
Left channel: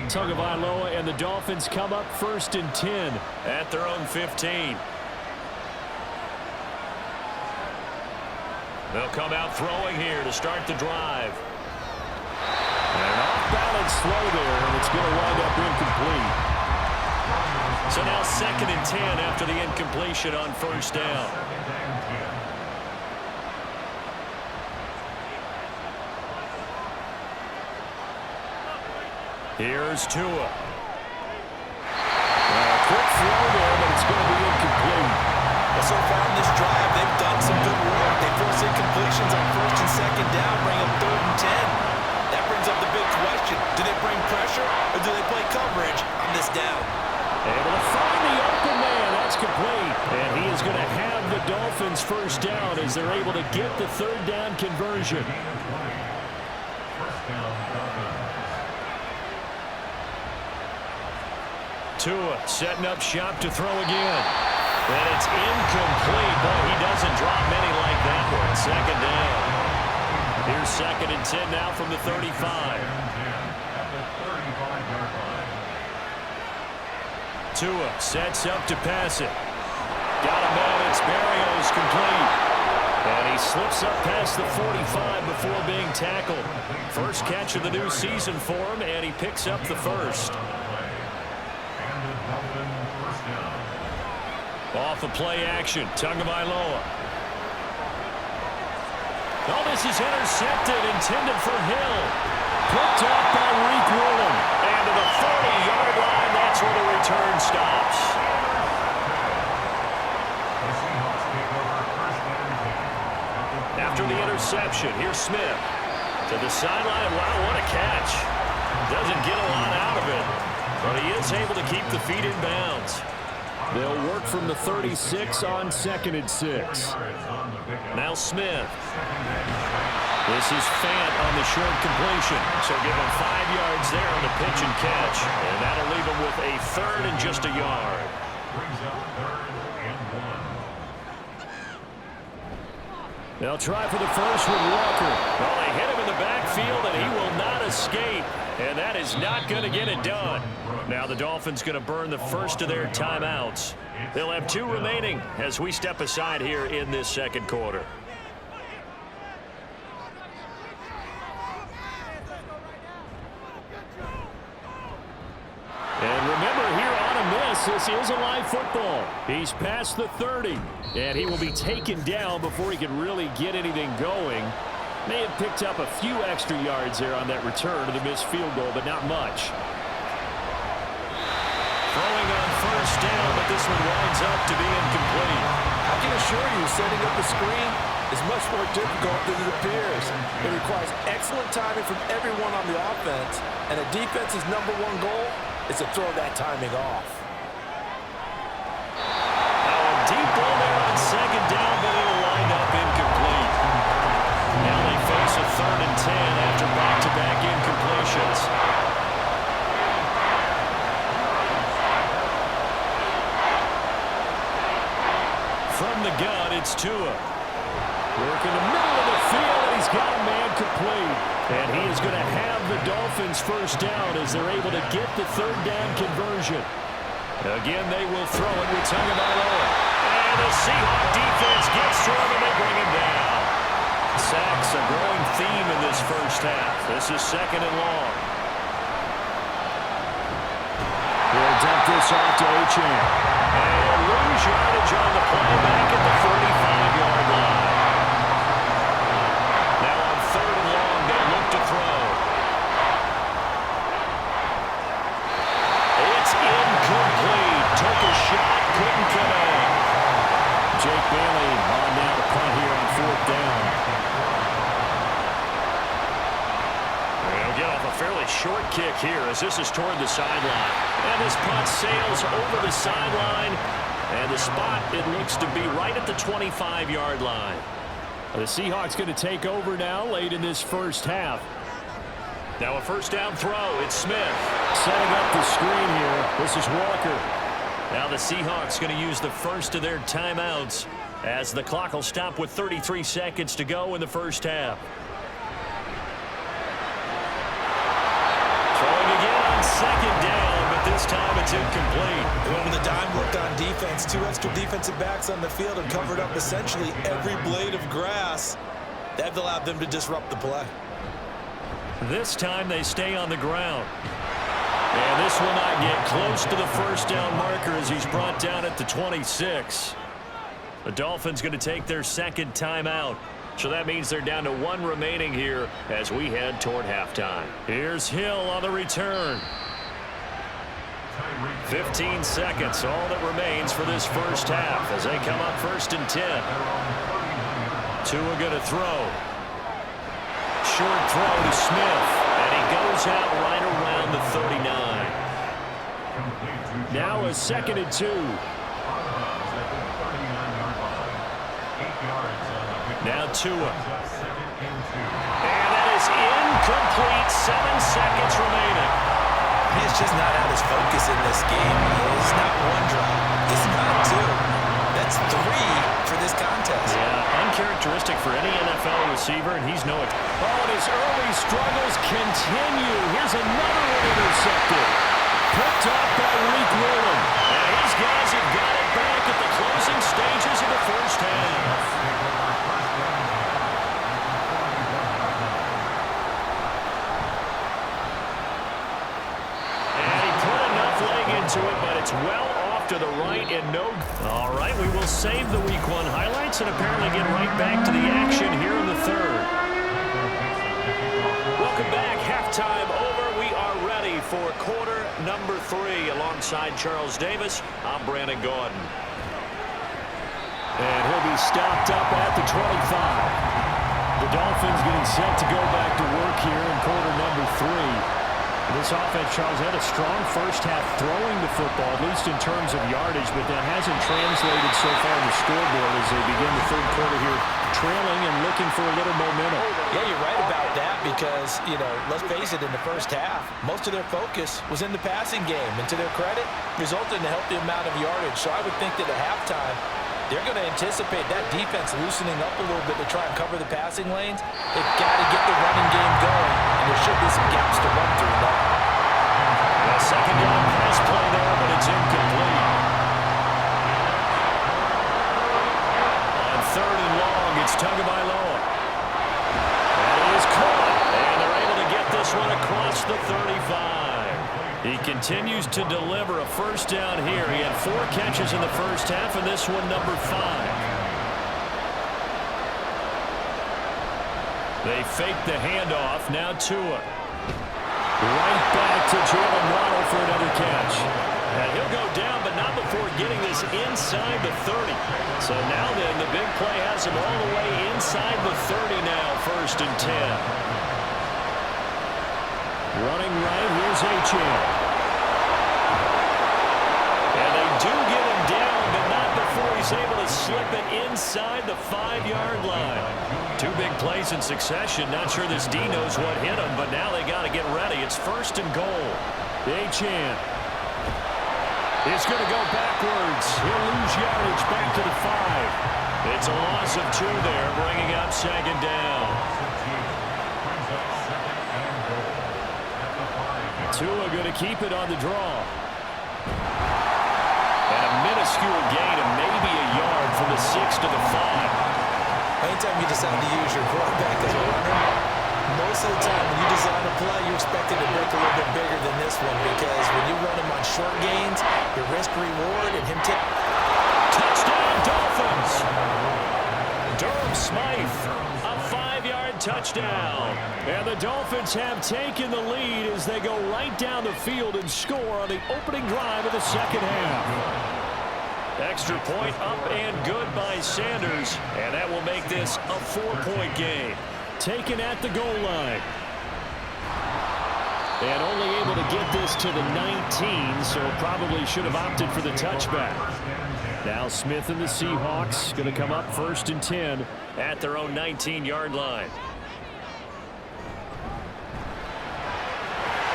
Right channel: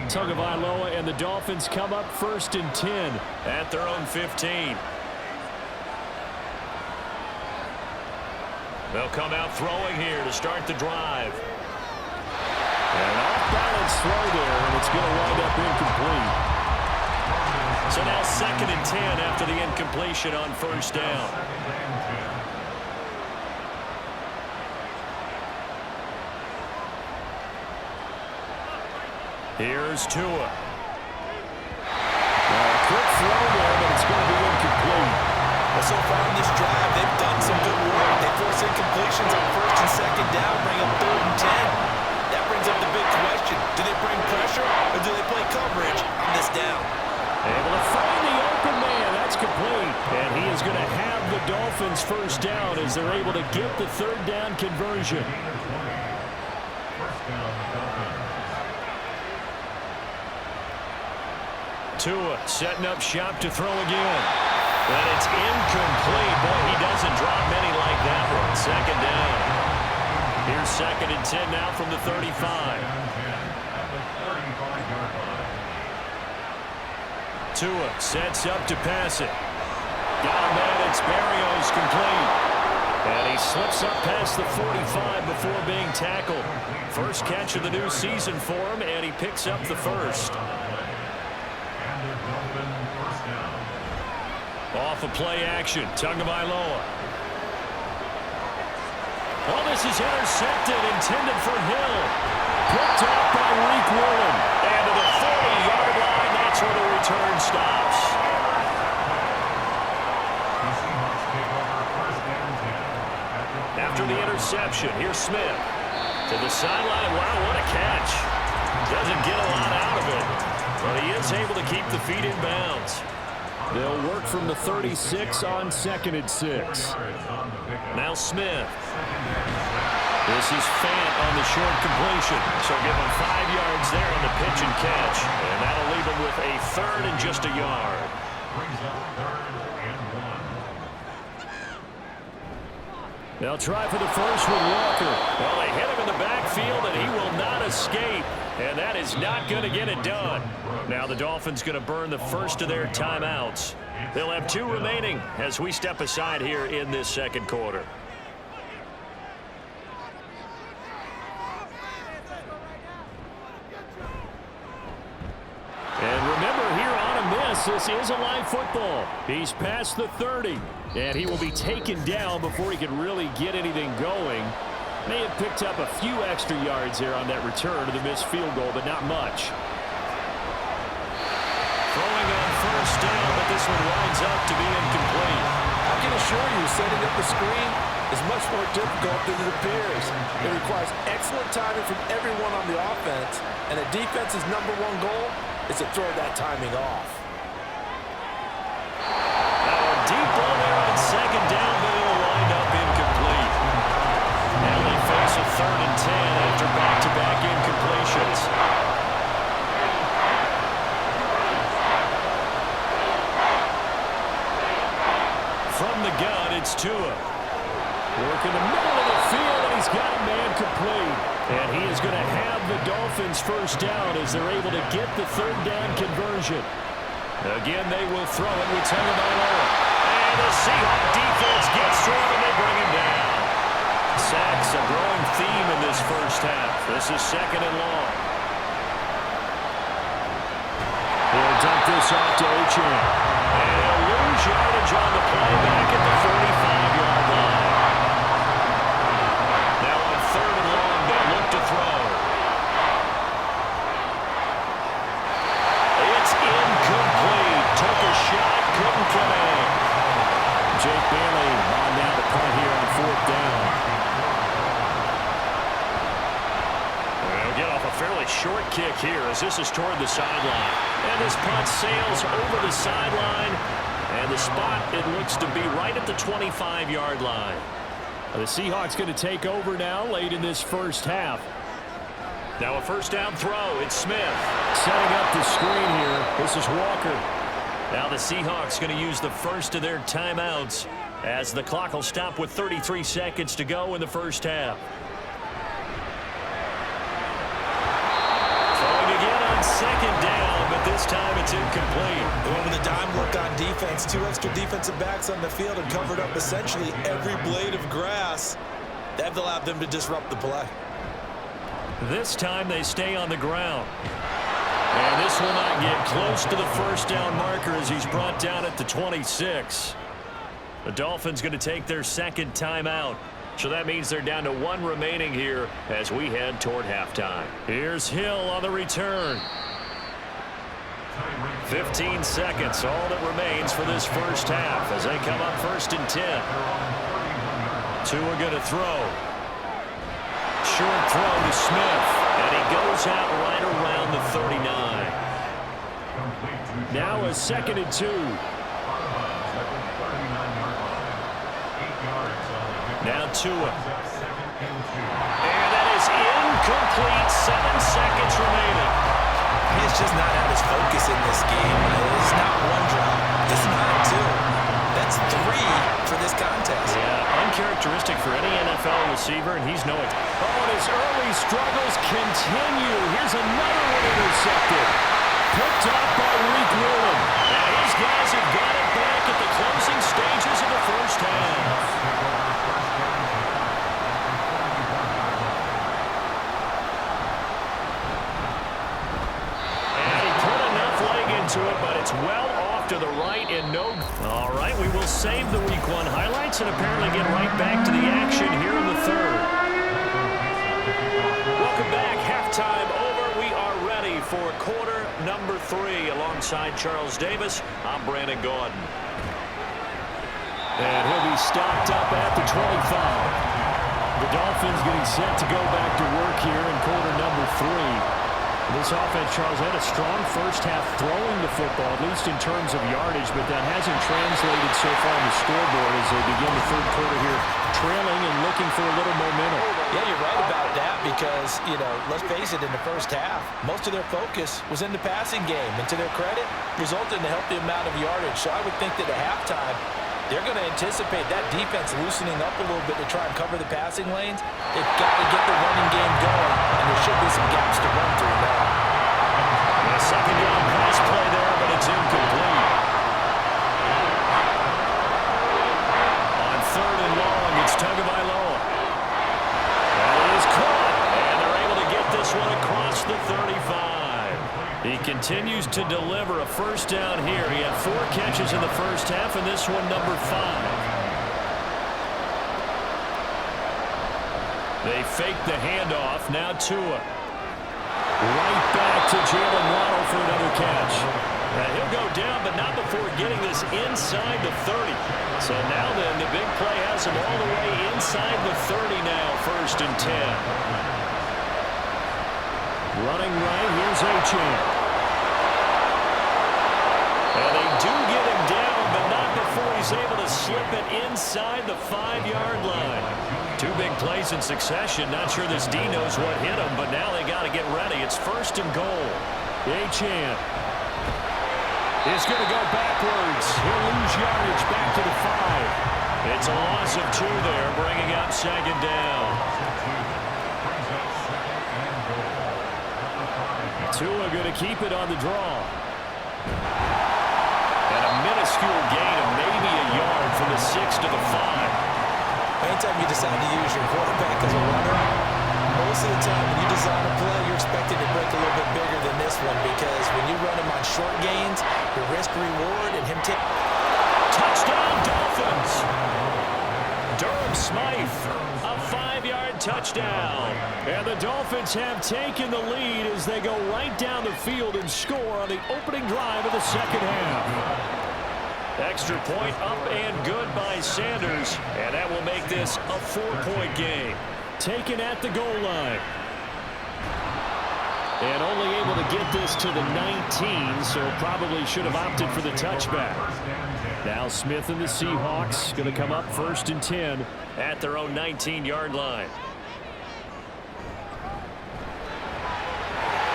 Tagovailoa and the Dolphins come up 1st and 10 at their own 15. They'll come out throwing here to start the drive. And an off-balance throw there, and it's going to wind up incomplete. So now 2nd and 10 after the incompletion on 1st down. Here's Tua. quick throw there, but it's going to be incomplete. Well, so far in this drive, they've done some good work. They force incompletions on first and second down, bring them 3rd and 10. That brings up the big question. Do they bring pressure, or do they play coverage on this down? Able to find the open man. That's complete. And he is going to have the Dolphins first down as they're able to get the 3rd down conversion. First down, Dolphins. Tua setting up shop to throw again. And it's incomplete. Boy, he doesn't drop many like that one. 2nd down. Here's 2nd and 10 now from the 35. 2nd and 10 at the 35-yard line. Tua sets up to pass it. Got a man. It's Berrios complete. And he slips up past the 45 before being tackled. First catch of the new season for him, and he picks up the first. And the Dolphin first down. Off of play action, Tagovailoa. Oh, this is intercepted, intended for Hill. Picked up by Reek Woolen. And to the 40-yard line, that's where the return stops. The Seahawks take over first and 10. After the interception, here's Smith. To the sideline, wow, what a catch. Doesn't get a lot out of it, but he is able to keep the feet in bounds. They'll work from the 36 on 2nd and 6. Now Smith. This is Fant on the short completion. So give him 5 yards there on the pitch and catch. And that'll leave him with a 3rd and just a yard. Brings up 3rd and 1. They'll try for the first with Walker. Well, they hit him in the backfield, and he will not escape. And that is not going to get it done. Now the Dolphins going to burn the first of their timeouts. They'll have 2 remaining as we step aside here in this 2nd quarter. And remember, here on a miss, this is a live football. He's past the 30, and he will be taken down before he can really get anything going. May have picked up a few extra yards there on that return to the missed field goal, but not much. Throwing on first down, but this one winds up to be incomplete. I can assure you, setting up the screen is much more difficult than it appears. It requires excellent timing from everyone on the offense, and a defense's #1 goal is to throw that timing off. Now a deep ball there on 2nd down, but it'll wind up incomplete. Now they face a 3rd and 10 after back-to-back incompletions. From the gun, it's Tua. Work in the middle of the field, and he's got a man complete. And he is going to have the Dolphins first down as they're able to get the 3rd down conversion. Again, they will throw it with Tagovailoa. And the Seahawks defense gets to him, and they bring him down. Sacks, a growing theme in this first half. This is 2nd and long. They'll dump this off to Achane. And he'll lose yardage on the play back at the 45-yard line. Now on 3rd and long, they'll look to throw. It's incomplete. Took a shot, couldn't connect. Jake Bailey on now to punt here on 4th down. They'll get off a fairly short kick here as this is toward the sideline. And this punt sails over the sideline. And the spot, it looks to be right at the 25-yard line. The Seahawks going to take over now late in this first half. Now a first down throw. It's Smith. Setting up the screen here. This is Walker. Now the Seahawks going to use the first of their timeouts as the clock will stop with 33 seconds to go in the first half. Throwing again on 2nd down, but this time it's incomplete. They went with a dime look on defense. 2 extra defensive backs on the field and covered up essentially every blade of grass. That allowed them to disrupt the play. This time they stay on the ground. And this will not get close to the first down marker as he's brought down at the 26. The Dolphins going to take their 2nd timeout. So that means they're down to 1 remaining here as we head toward halftime. Here's Hill on the return. 15 seconds, all that remains for this first half as they come up 1st and 10. Tua going to throw. Short throw to Smith, and he goes out right around the 39. Now a 2nd and 2. Now Tua. And that is incomplete. 7 seconds remaining. He's just not at his focus in this game. It's not one drop. It's not two. That's 3 for this contest. Yeah, uncharacteristic for any NFL receiver, and he's no it. Oh, and his early struggles continue. Here's another one intercepted. Picked up by Leek Whelan. And these guys have got it back at the closing stages of the first half. Into it, but it's well off to the right and no. All right, we will save the Week 1 highlights and apparently get right back to the action here in the 3rd. Welcome back. Halftime over. We are ready for quarter number 3 alongside Charles Davis. I'm Brandon Gordon. And he'll be stopped up at the 25. The Dolphins getting set to go back to work here in quarter number 3. This offense, Charles, had a strong first half throwing the football, at least in terms of yardage, but that hasn't translated so far on the scoreboard as they begin the 3rd quarter here, trailing and looking for a little momentum. Yeah, you're right about that because, let's face it, in the first half, most of their focus was in the passing game, and to their credit, resulted in a healthy amount of yardage. So I would think that at halftime, they're going to anticipate that defense loosening up a little bit to try and cover the passing lanes. They've got to get the running game going, and there should be some gaps to run through now. A 2nd down pass play there, but it's incomplete. On 3rd and long, it's Tagovailoa. That is caught, and they're able to get this one across the 35. He continues to deliver a first down here. He had 4 catches in the first half, and this one number 5. They fake the handoff. Now Tua. Right back to Jalen Waddle for another catch. And he'll go down, but not before getting this inside the 30. So now then, the big play has him all the way inside the 30 now, 1st and 10. Running right, here's Achane. And they do get him down, but not before he's able to slip it inside the 5-yard line. 2 big plays in succession. Not sure this D knows what hit him, but now they got to get ready. It's 1st and goal. Achane is going to go backwards. He'll lose yardage back to the 5. It's a loss of 2 there, bringing up 2nd down. Tua going to keep it on the draw. And a minuscule gain of maybe a yard from the 6 to the 5. Anytime you decide to use your quarterback as a runner, most of the time when you design a play, you're expected to break a little bit bigger than this one because when you run him on short gains, your risk-reward and him tip. Touchdown, Dolphins! Durham Smythe, a 5-yard touchdown. And the Dolphins have taken the lead as they go right down the field and score on the opening drive of the 2nd half. Extra point up and good by Sanders, and that will make this a 4-point game. Taken at the goal line. And only able to get this to the 19, so probably should have opted for the touchback. Now Smith and the Seahawks going to come up 1st and 10 at their own 19-yard line.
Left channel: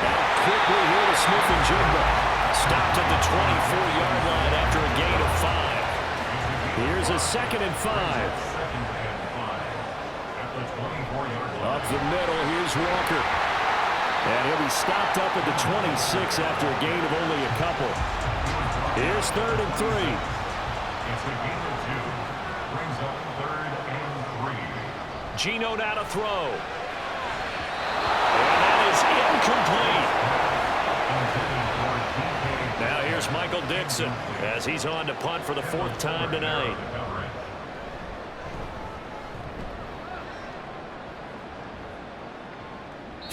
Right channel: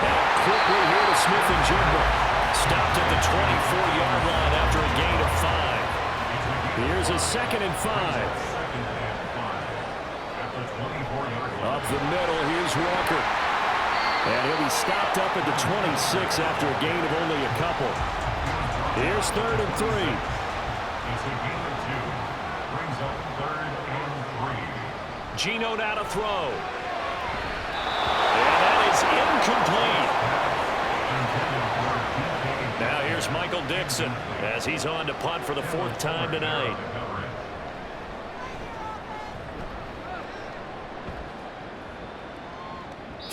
Now quickly here to Smith and Jigba. Stopped at the 24-yard line after a gain of 5. Here's a 2nd and 5. Up the middle, here's Walker. And he'll be stopped up at the 26 after a gain of only a couple. Here's 3rd and 3. It's a gain of 2. Brings up 3rd and 3. Geno now to throw. And that is incomplete. Now here's Michael Dixon as he's on to punt for the 4th time tonight.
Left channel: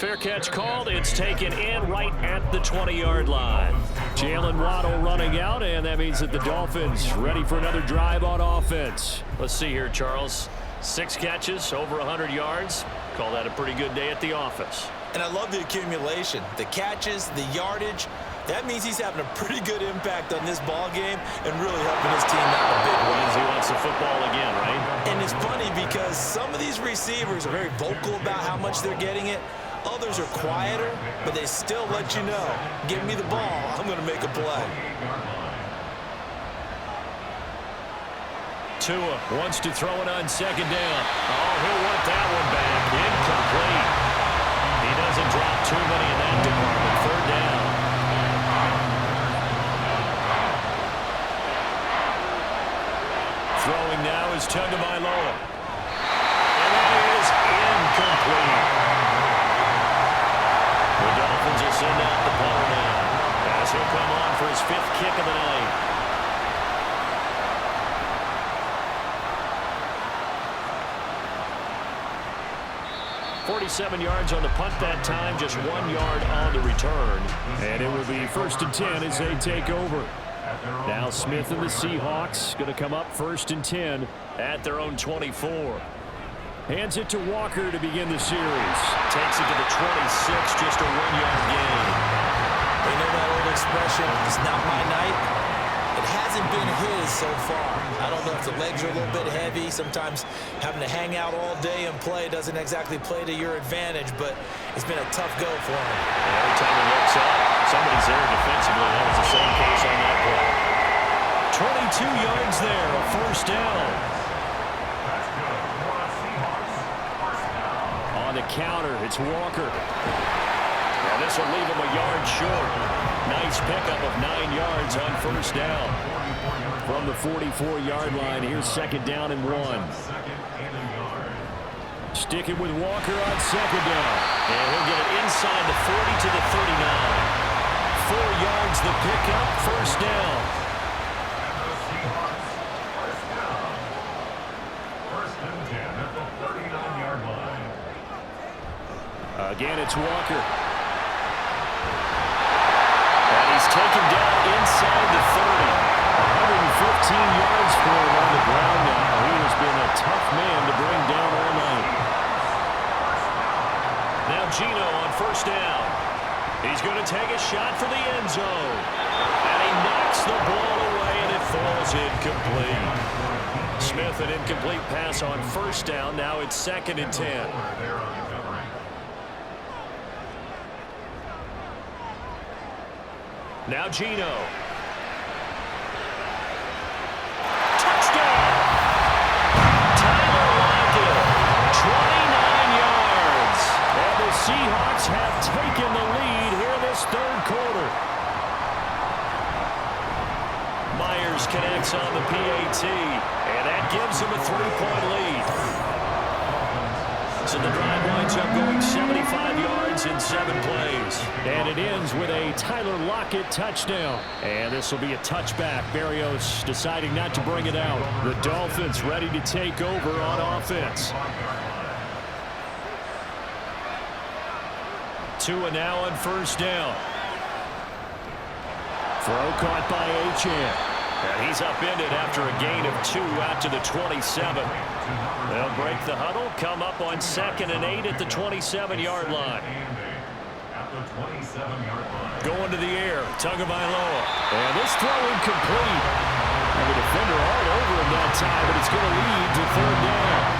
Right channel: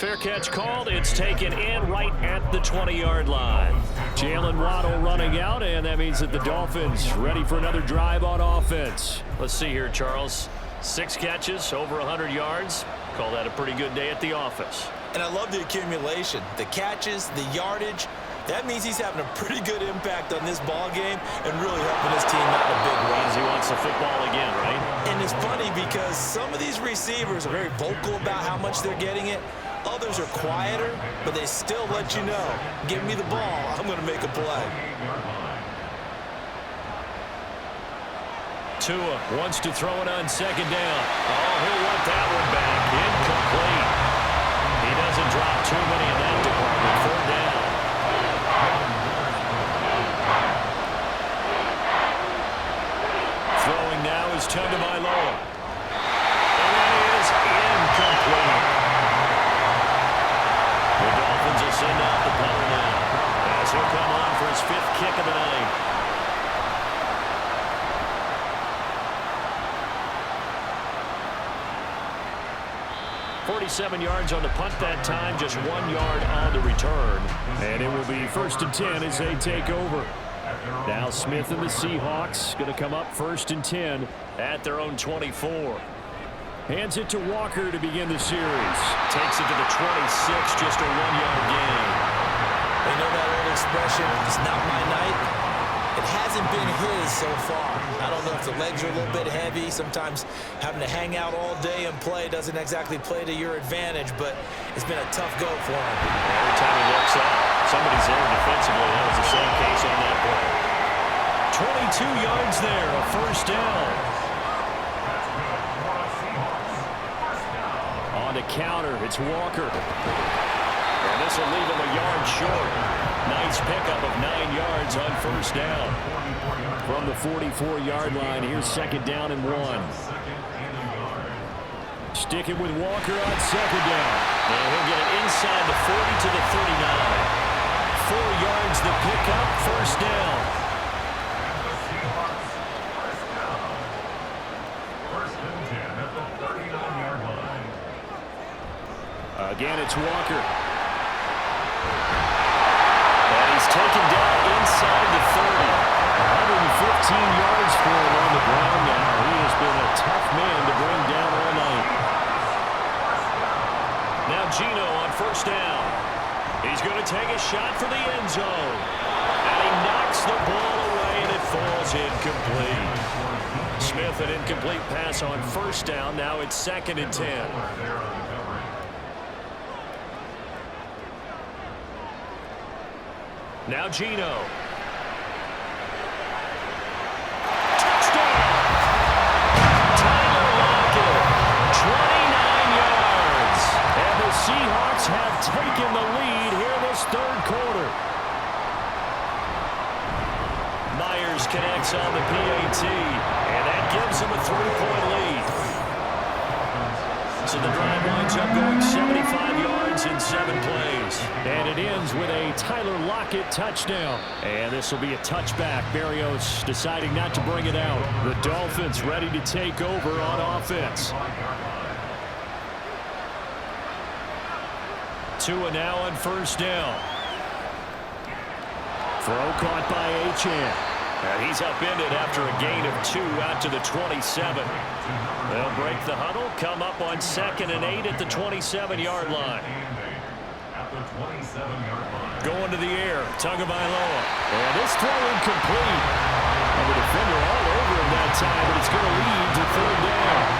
Fair catch called. It's taken in right at the 20-yard line. Jalen Waddle running out, and that means that the Dolphins ready for another drive on offense. Let's see here, Charles. 6 catches, over 100 yards. Call that a pretty good day at the office. And I love the accumulation, the catches, the yardage. That means he's having a pretty good impact on this ball game and really helping his team out in a big way. Means he wants the football again, right? And it's funny because some of these receivers are very vocal about how much they're getting it. Others are quieter, but they still let you know, give me the ball, I'm going to make a play. Tua wants to throw it on second down. Oh, he'll want that one back. Incomplete. He doesn't drop too many in that department. 3rd down. Throwing now is Tagovailoa. And that is incomplete. The Dolphins will send out the punter now, as he'll come on for his 5th kick of the night. .47 yards on the punt that time, just 1 yard on the return. And it will be 1st and 10 as they take over. Now Smith and the Seahawks going to come up 1st and 10 at their own 24. Hands it to Walker to begin the series. Takes it to the 26, just a 1-yard gain. They know that old expression, it's not my night. It hasn't been his so far. I don't know if the legs are a little bit heavy. Sometimes having to hang out all day and play doesn't exactly play to your advantage, but it's been a tough go for him. Every time he looks up, somebody's there defensively. That was the same case on that play. 22 yards there, a 1st down. On the counter, it's Walker. And this will leave him a yard short. Nice pickup of 9 yards on 1st down. From the 44-yard line, here's 2nd down and 1. Sticking with Walker on 2nd down. And he'll get it inside the 40 to the 39. 4 yards the pickup, 1st down. Again, it's Walker. And he's taken down inside the 30. 115 yards for him on the ground now. He has been a tough man to bring down all night. Now Geno on 1st down. He's going to take a shot for the end zone. And he knocks the ball away, and it falls incomplete. Smith, an incomplete pass on 1st down. Now it's 2nd and 10. Now Geno. Touchdown! Tyler Lockett, 29 yards. And the Seahawks have taken the lead here in this 3rd quarter. Myers connects on the PAT, and that gives them a 3-point lead. So the drive winds up going 75 yards in 7 plays. And it ends with a Tyler Lockett touchdown. And this will be a touchback. Berrios deciding not to bring it out. The Dolphins ready to take over on offense. Tua now on 1st down. Throw caught by Achane. And he's upended after a gain of 2 out to the 27. They'll break the huddle, come up on 2nd and 8 at the 27-yard line. Going to the air, Tagovailoa. And this throw incomplete. And the defender all over him that time, but it's going to lead to 3rd down.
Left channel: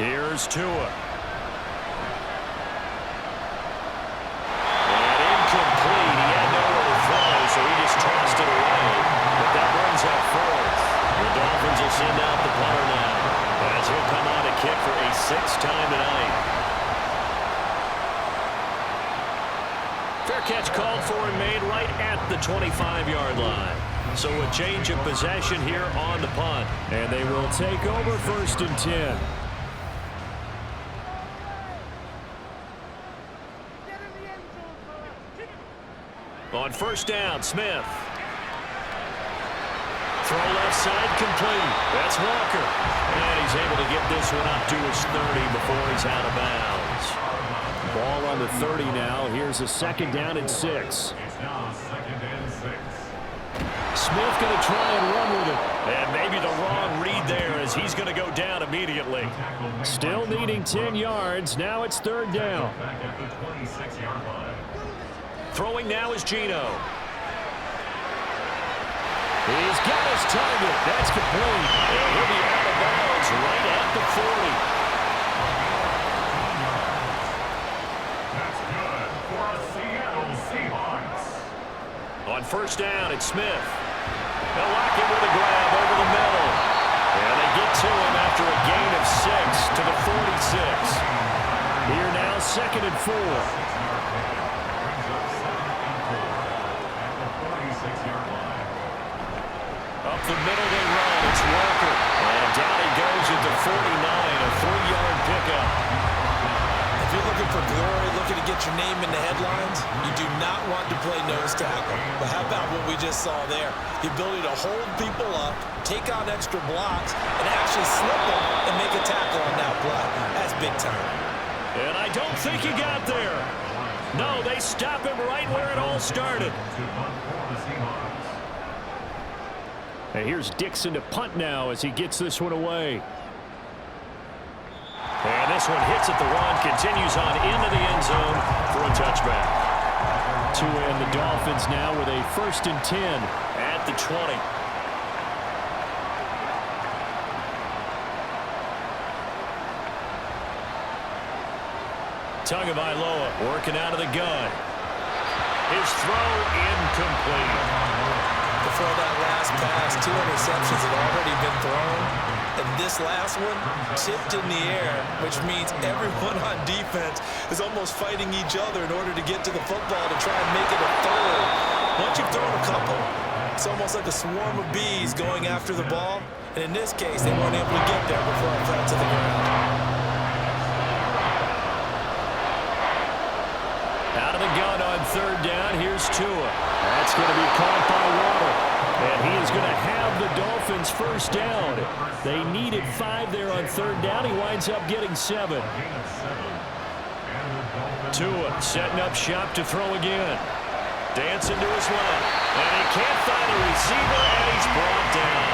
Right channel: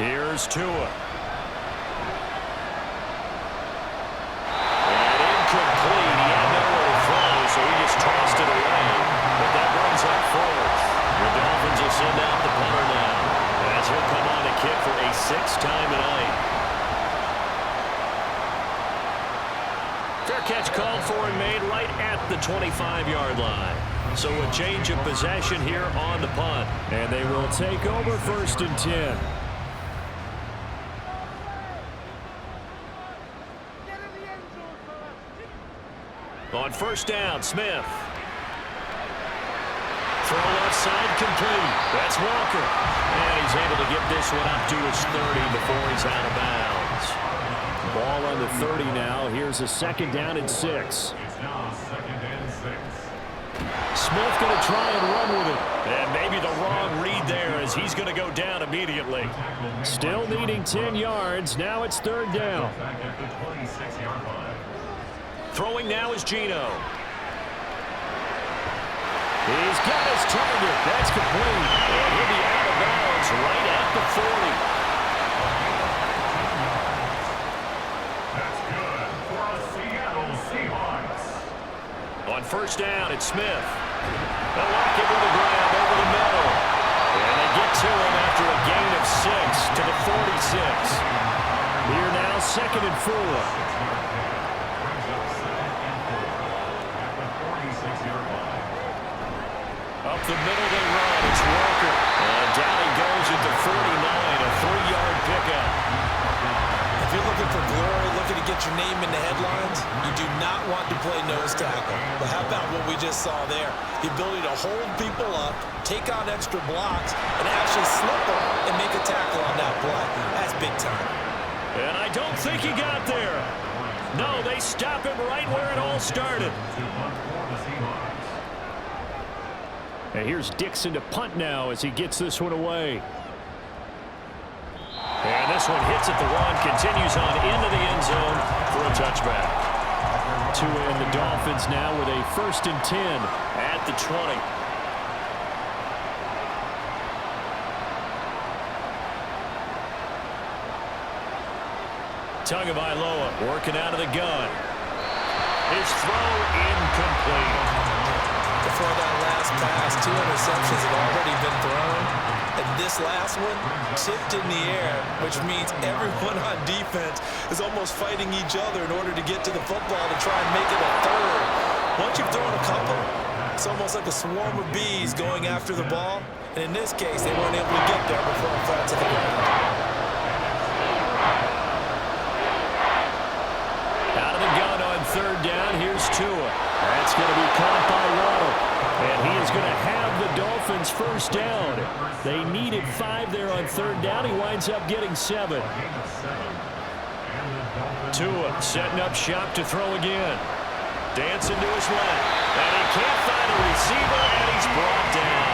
Here's Tua. And incomplete. He had nowhere to throw, so he just tossed it away. But that brings up 4th. The Dolphins will send out the punter now, as he'll come on to kick for a 6th time tonight. Fair catch called for and made right at the 25-yard line. So a change of possession here on the punt. And they will take over 1st and 10. On 1st down, Smith. throw left side complete. That's Walker. And he's able to get this one up to his 30 before he's out of bounds. Ball on the 30 now. Here's a 2nd down and 6. It's now 2nd and 6. Smith going to try and run with it. And maybe the wrong read there as he's going to go down immediately. Still needing 10 yards. Now it's 3rd down. Back at the 26-yard line. Throwing now is Geno. He's got his target. That's complete. And he'll be out of bounds right at the 40. That's good for a Seattle Seahawks. On 1st down, it's Smith. They'll lock him with a grab over the middle. And they get to him after a gain of 6 to the 46. Here now, 2nd and 4. 6-yard pickup brings up 2nd and 4 at the 46-yard line. Up the middle they run. It's Walker. And down he goes at the 49, a 3-yard pickup. If you're looking for glory, looking to get your name in the headlines, you do not want to play nose tackle. But how about what we just saw there? The ability to hold people up, take on extra blocks, and actually slip them and make a tackle on that play. That's big time. And I don't think he got there. No, they stop him right where it all started. To punt for the Seahawks. And here's Dixon to punt now as he gets this one away. And this one hits at the 1, continues on into the end zone for a touchback. To end the Dolphins now with a 1st and 10 at the 20. Tagovailoa working out of the gun. His throw incomplete. Before that last pass, 2 interceptions had already been thrown. And this last one tipped in the air, which means everyone on defense is almost fighting each other in order to get to the football to try and make it a 3rd. Once you've thrown a couple, it's almost like a swarm of bees going after the ball. And in this case, they weren't able to get there before it fell to the ground. Out of the gun on 3rd down. Here's Tua. That's going to be caught by Waddle. And he is going to have the Dolphins 1st down. They needed 5 there on 3rd down. He winds up getting 7. Tua setting up shop to throw again. Dancing to his left. And he can't find a receiver, and he's brought down.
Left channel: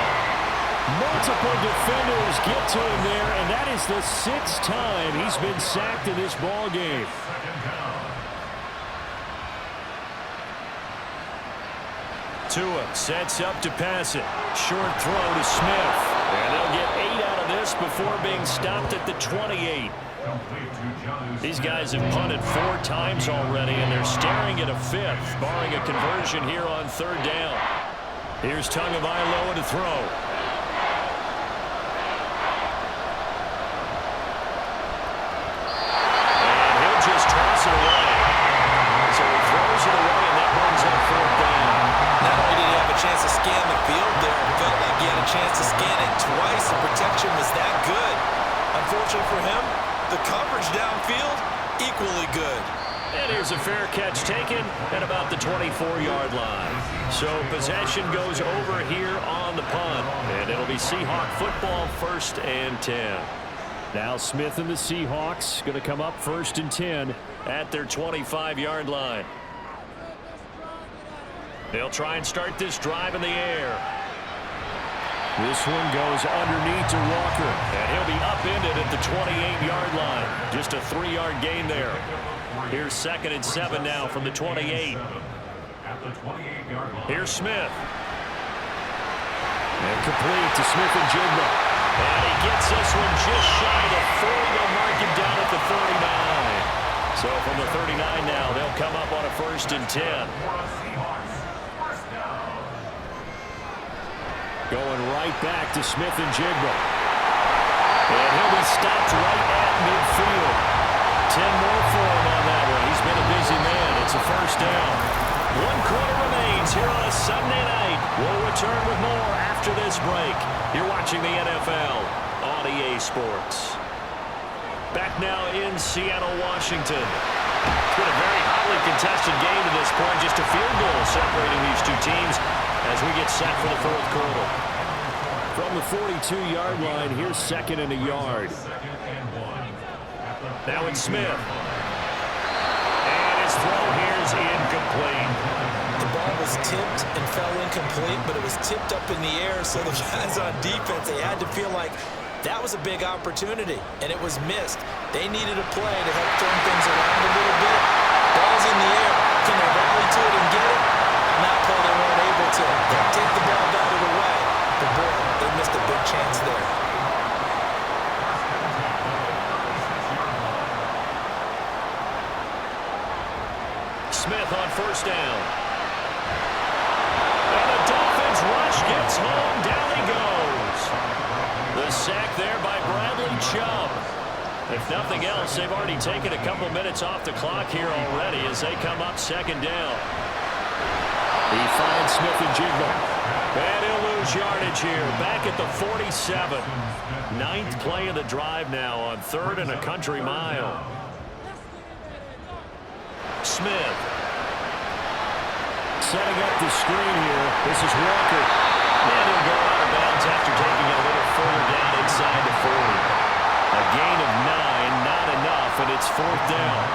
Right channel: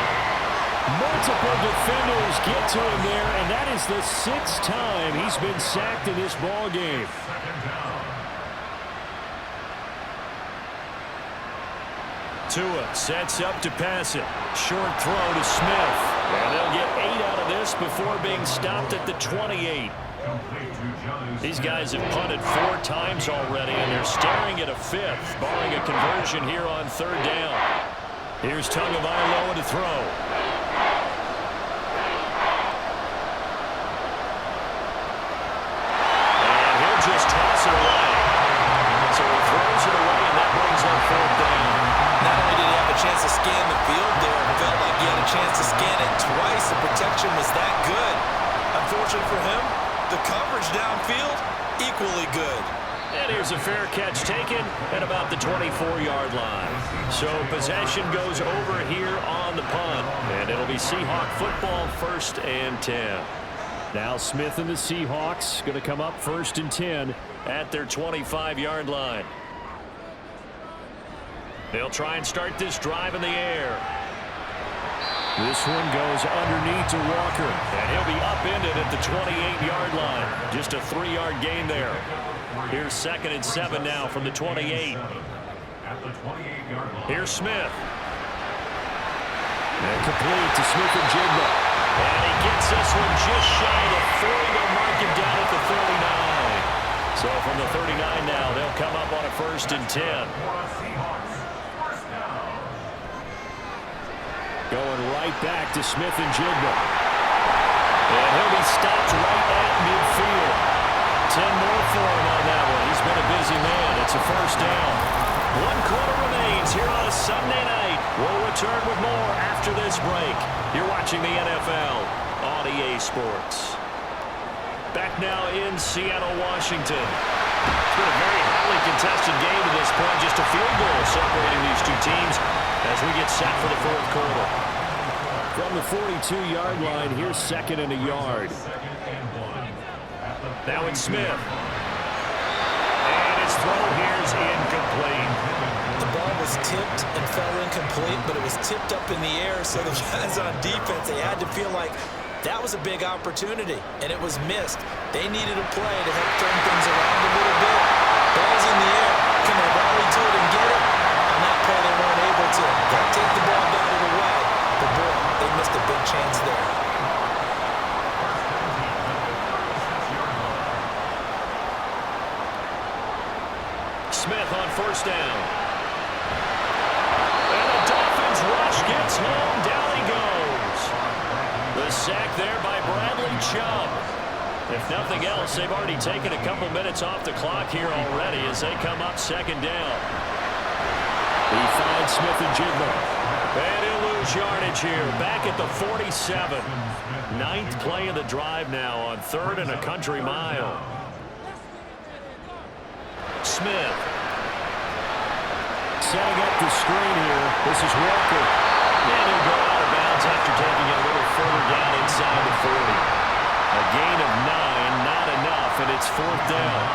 Multiple defenders get to him there, and that is the 6th time he's been sacked in this ball game. 2nd down. Tua sets up to pass it. Short throw to Smith. And they'll get 8 out of this before being stopped at the 28. These guys have punted 4 times already, and they're staring at a 5th, barring a conversion here on 3rd down. Here's Tagovailoa to throw. And he'll just toss it away. So he throws it away, and that brings up 4th down. Not only did he have a chance to scan the field there, it felt like he had a chance to scan it twice. The protection was that good. Unfortunately for him, the coverage downfield, equally good. And here's a fair catch taken at about the 24-yard line. So possession goes over here on the punt. And it'll be Seahawk football, 1st and 10. Now Smith and the Seahawks going to come up 1st and 10 at their 25-yard line. They'll try and start this drive in the air. This one goes underneath to Walker, and he'll be upended at the 28-yard line. Just a 3-yard gain there. Here's 2nd and 7 now from the 28. Here's Smith. And complete to Smith-Njigba. And he gets this one just shy of the 40. They'll mark him down at the 39. So from the 39 now, they'll come up on a 1st and 10. Going right back to Smith-Njigba. And he'll be stopped right at midfield. 10 more for him on that one. He's been a busy man. It's a 1st down. 1 quarter remains here on a Sunday night. We'll return with more after this break. You're watching the NFL on EA Sports. Back now in Seattle, Washington. It's been a very hotly contested game to this point. Just a field goal separating these two teams as we get set for the fourth quarter. From the 42-yard line, here's second and a yard. Now it's Smith. And his throw here is incomplete. The ball was tipped and fell incomplete, but it was tipped up in the air, so the guys on defense, they had to feel like that was a big opportunity, and it was missed. They needed a play to help turn things around a little bit. Ball's in the air. Can they rally to it and get it? On that play, they weren't able to. They'll take the ball, got it away. But boy, they missed a big chance there. Smith on first down. And the Dolphins rush gets home. Down he goes. The sack there by Bradley Chubb. If nothing else, they've already taken a couple minutes off the clock here already as they come up second down. He finds Smith and Jigba. And he'll lose yardage here. Back at the 47. Ninth play of the drive now on third and a country mile. Smith. Setting up the screen here. This is Walker. And he'll go out of bounds after taking a little further down inside the 40. A gain of 9, not enough, and it's fourth down.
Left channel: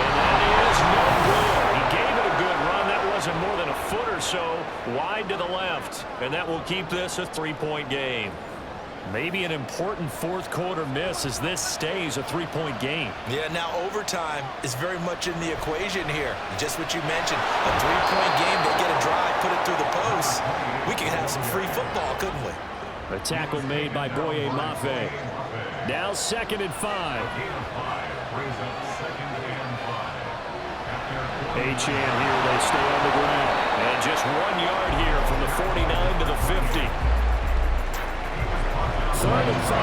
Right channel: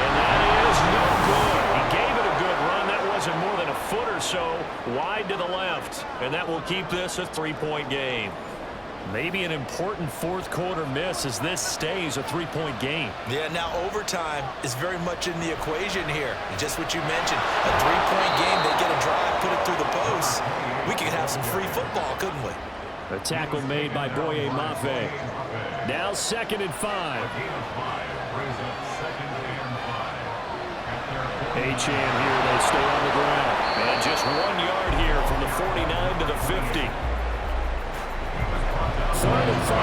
And that is no good. He gave it a good run. That wasn't more than a foot or so wide to the left. And that will keep this a 3-point game. Maybe an important fourth quarter miss as this stays a 3-point game. Yeah, now overtime is very much in the equation here. Just what you mentioned, a 3-point game, they get a drive, put it through the posts. We could have some free football, couldn't we? A tackle made by Boye Mafe. Now second and 5. Achane here, they stay on the ground. And just 1 yard here from the 49 to the 50. Third and 5.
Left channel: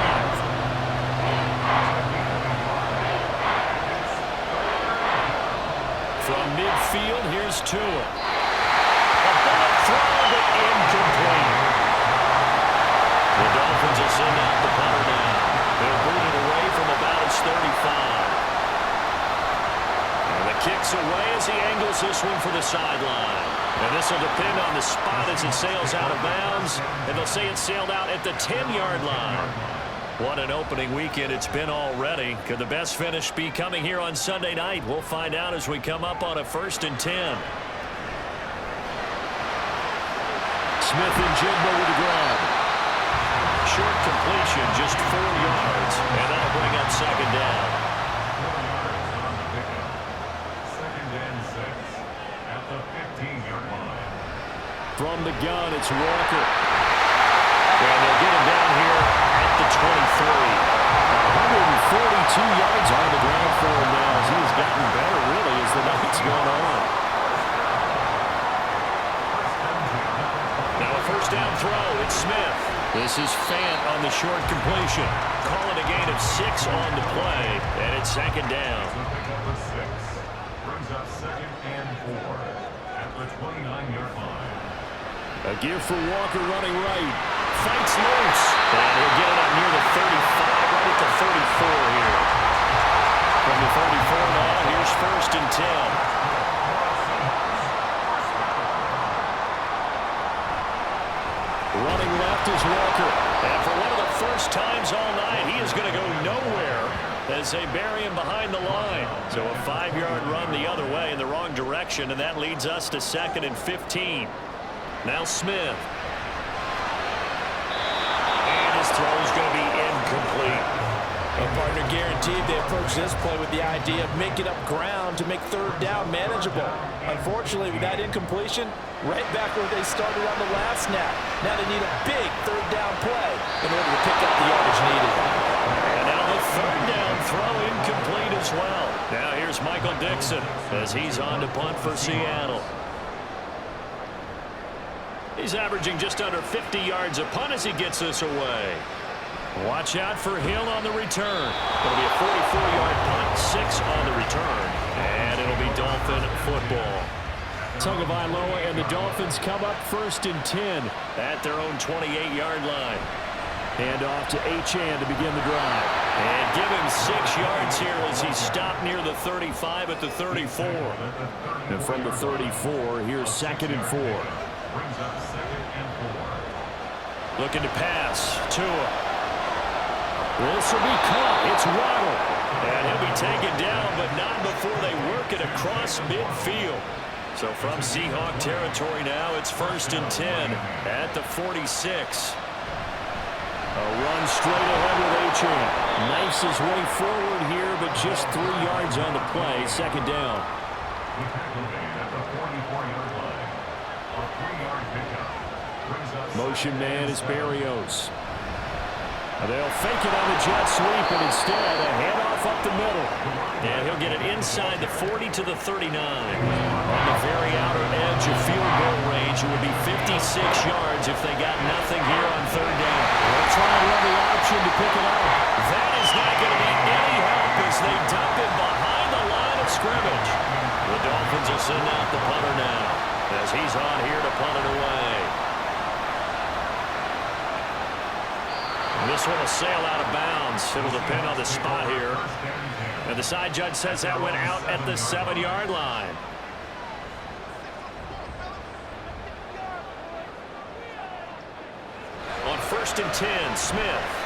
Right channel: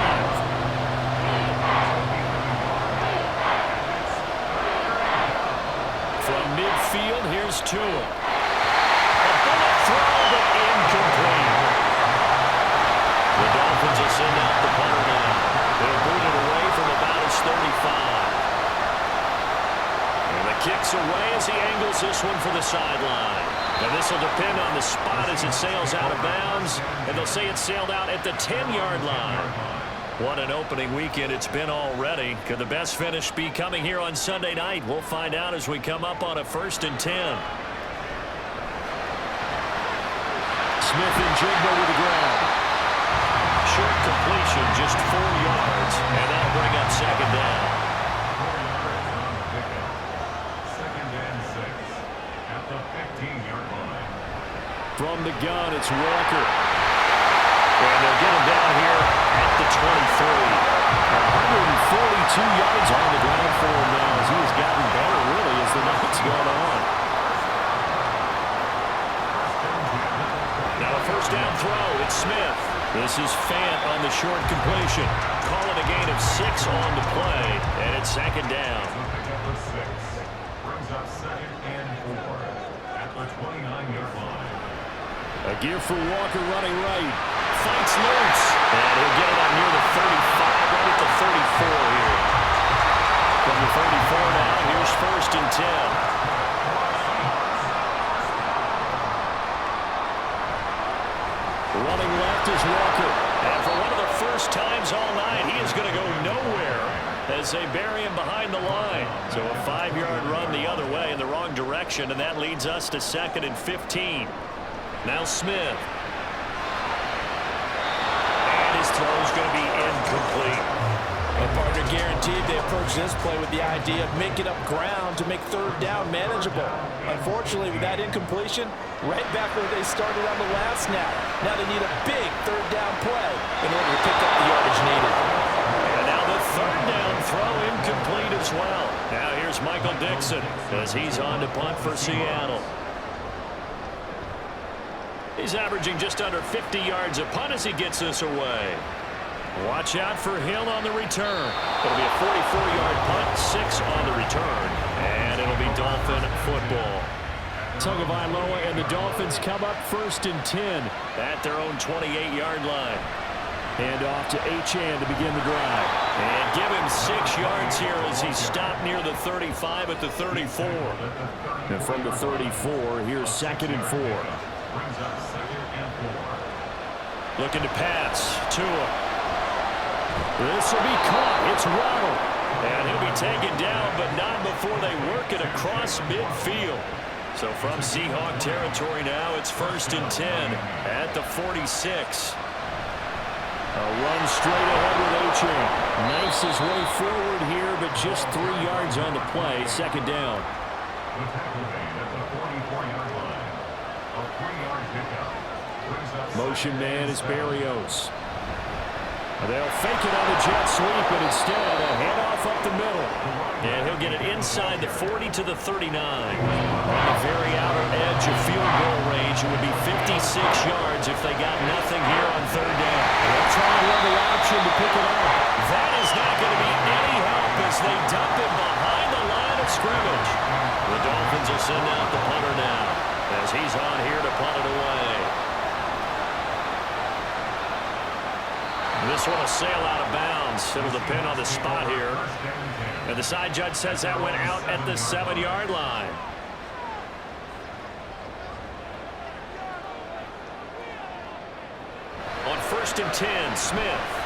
From midfield, here's Tua. A bullet throw, but incomplete. The Dolphins will send out the punter now. They'll boot it away from about his 35. And the kick's away as he angles this one for the sideline. And this will depend on the spot as it sails out of bounds. And they'll say it sailed out at the 10-yard line. What an opening weekend it's been already. Could the best finish be coming here on Sunday night? We'll find out as we come up on a 1st and 10. Smith and Jigba with the grab. Short completion, just 4 yards. And that'll bring up second down. 4 yards on the pickup. 2nd and 6 at the 15-yard line. From the gun, it's Walker. And they'll get him down here at the 23. 142 yards on the ground for him now as he has gotten better, really, as the night's gone on. Now a first down throw. It's Smith. This is Fant on the short completion. Call it a gain of 6 on the play, and it's second down. So pick up the 6. Brings up 2nd and 4 at the 29-yard line. A gear for Walker running right. Fights loose. And he'll get it up near the 35, right at the 34 here. From the 34 now, here's 1st and 10. Running left is Walker. And for one of the first times all night, he is going to go nowhere as they bury him behind the line. So a 5-yard run the other way in the wrong direction, and that leads us to 2nd and 15. Now Smith. And his throw is going to be incomplete. Well, partner, guaranteed they approach this play with the idea of making up ground to make 3rd down manageable. Unfortunately, with that incompletion, right back where they started on the last snap. Now they need a big 3rd down play in order to pick up the yardage needed. And now the 3rd down throw incomplete as well. Now here's Michael Dixon as he's on to punt for Seattle. He's averaging just under 50 yards a punt as he gets this away. Watch out for Hill on the return. It'll be a 44-yard punt, 6 on the return, and it'll be Dolphin football. Tagovailoa and the Dolphins come up 1st and 10 at their own 28-yard line. Hand off to Achane to begin the drive. And give him 6 yards here as he stopped near the 35 at the 34. And from the 34, here's 2nd and 4. Brings up 2nd and 4. Looking to pass. Tua. This will be caught. It's Waddle. And he'll be taken down, but not before they work it across midfield. So from Seahawk territory now, it's 1st and 10 at the 46. A run straight ahead with Achane. Knifes his way forward here, but just 3 yards on the play. 2nd down. The tackle made at the 44-yard line. A 3-yard pickup. Brings up Motion man is Berrios. They'll fake it on the jet sweep, and instead a handoff up the middle. And he'll get it inside the 40 to the 39. On the very outer edge of field goal range, it would be 56 yards if they got nothing here on 3rd down. They'll try and run the option to pick it up. That is not going to be any help as they dump him behind the line of scrimmage. The Dolphins will send out the punter now as he's on here to punt it away. This one will sail out of bounds. It'll depend on the spot here. And the side judge says that went out at the 7-yard line. On 1st and 10, Smith.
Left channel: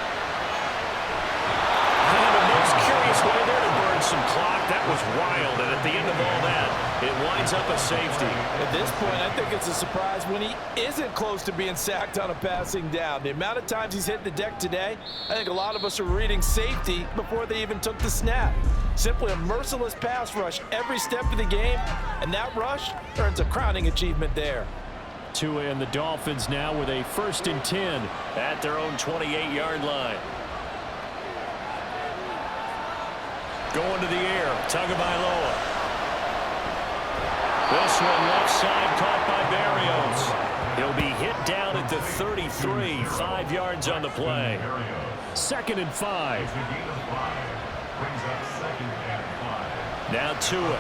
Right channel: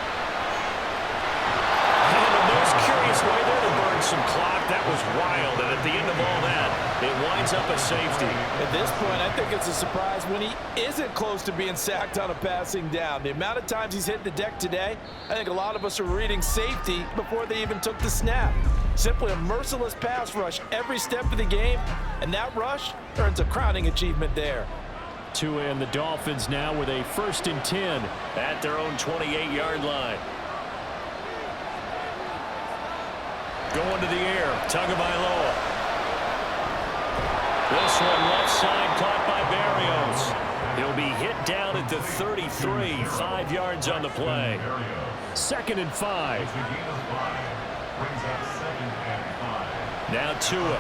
And a most curious way there to burn some clock. That was wild. And at the end of all that, it winds up a safety. At this point, I think it's a surprise when he isn't close to being sacked on a passing down. The amount of times he's hit the deck today, I think a lot of us are reading safety before they even took the snap. Simply a merciless pass rush every step of the game, and that rush earns a crowning achievement there. Tua and the Dolphins now with a 1st and 10 at their own 28-yard line. Going to the air, Tagovailoa. This one left side caught by Berrios. He'll be hit down at the 33, 5 yards on the play. 2nd and 5. It's a gain of 5. Brings up 2nd and 5. Now Tua.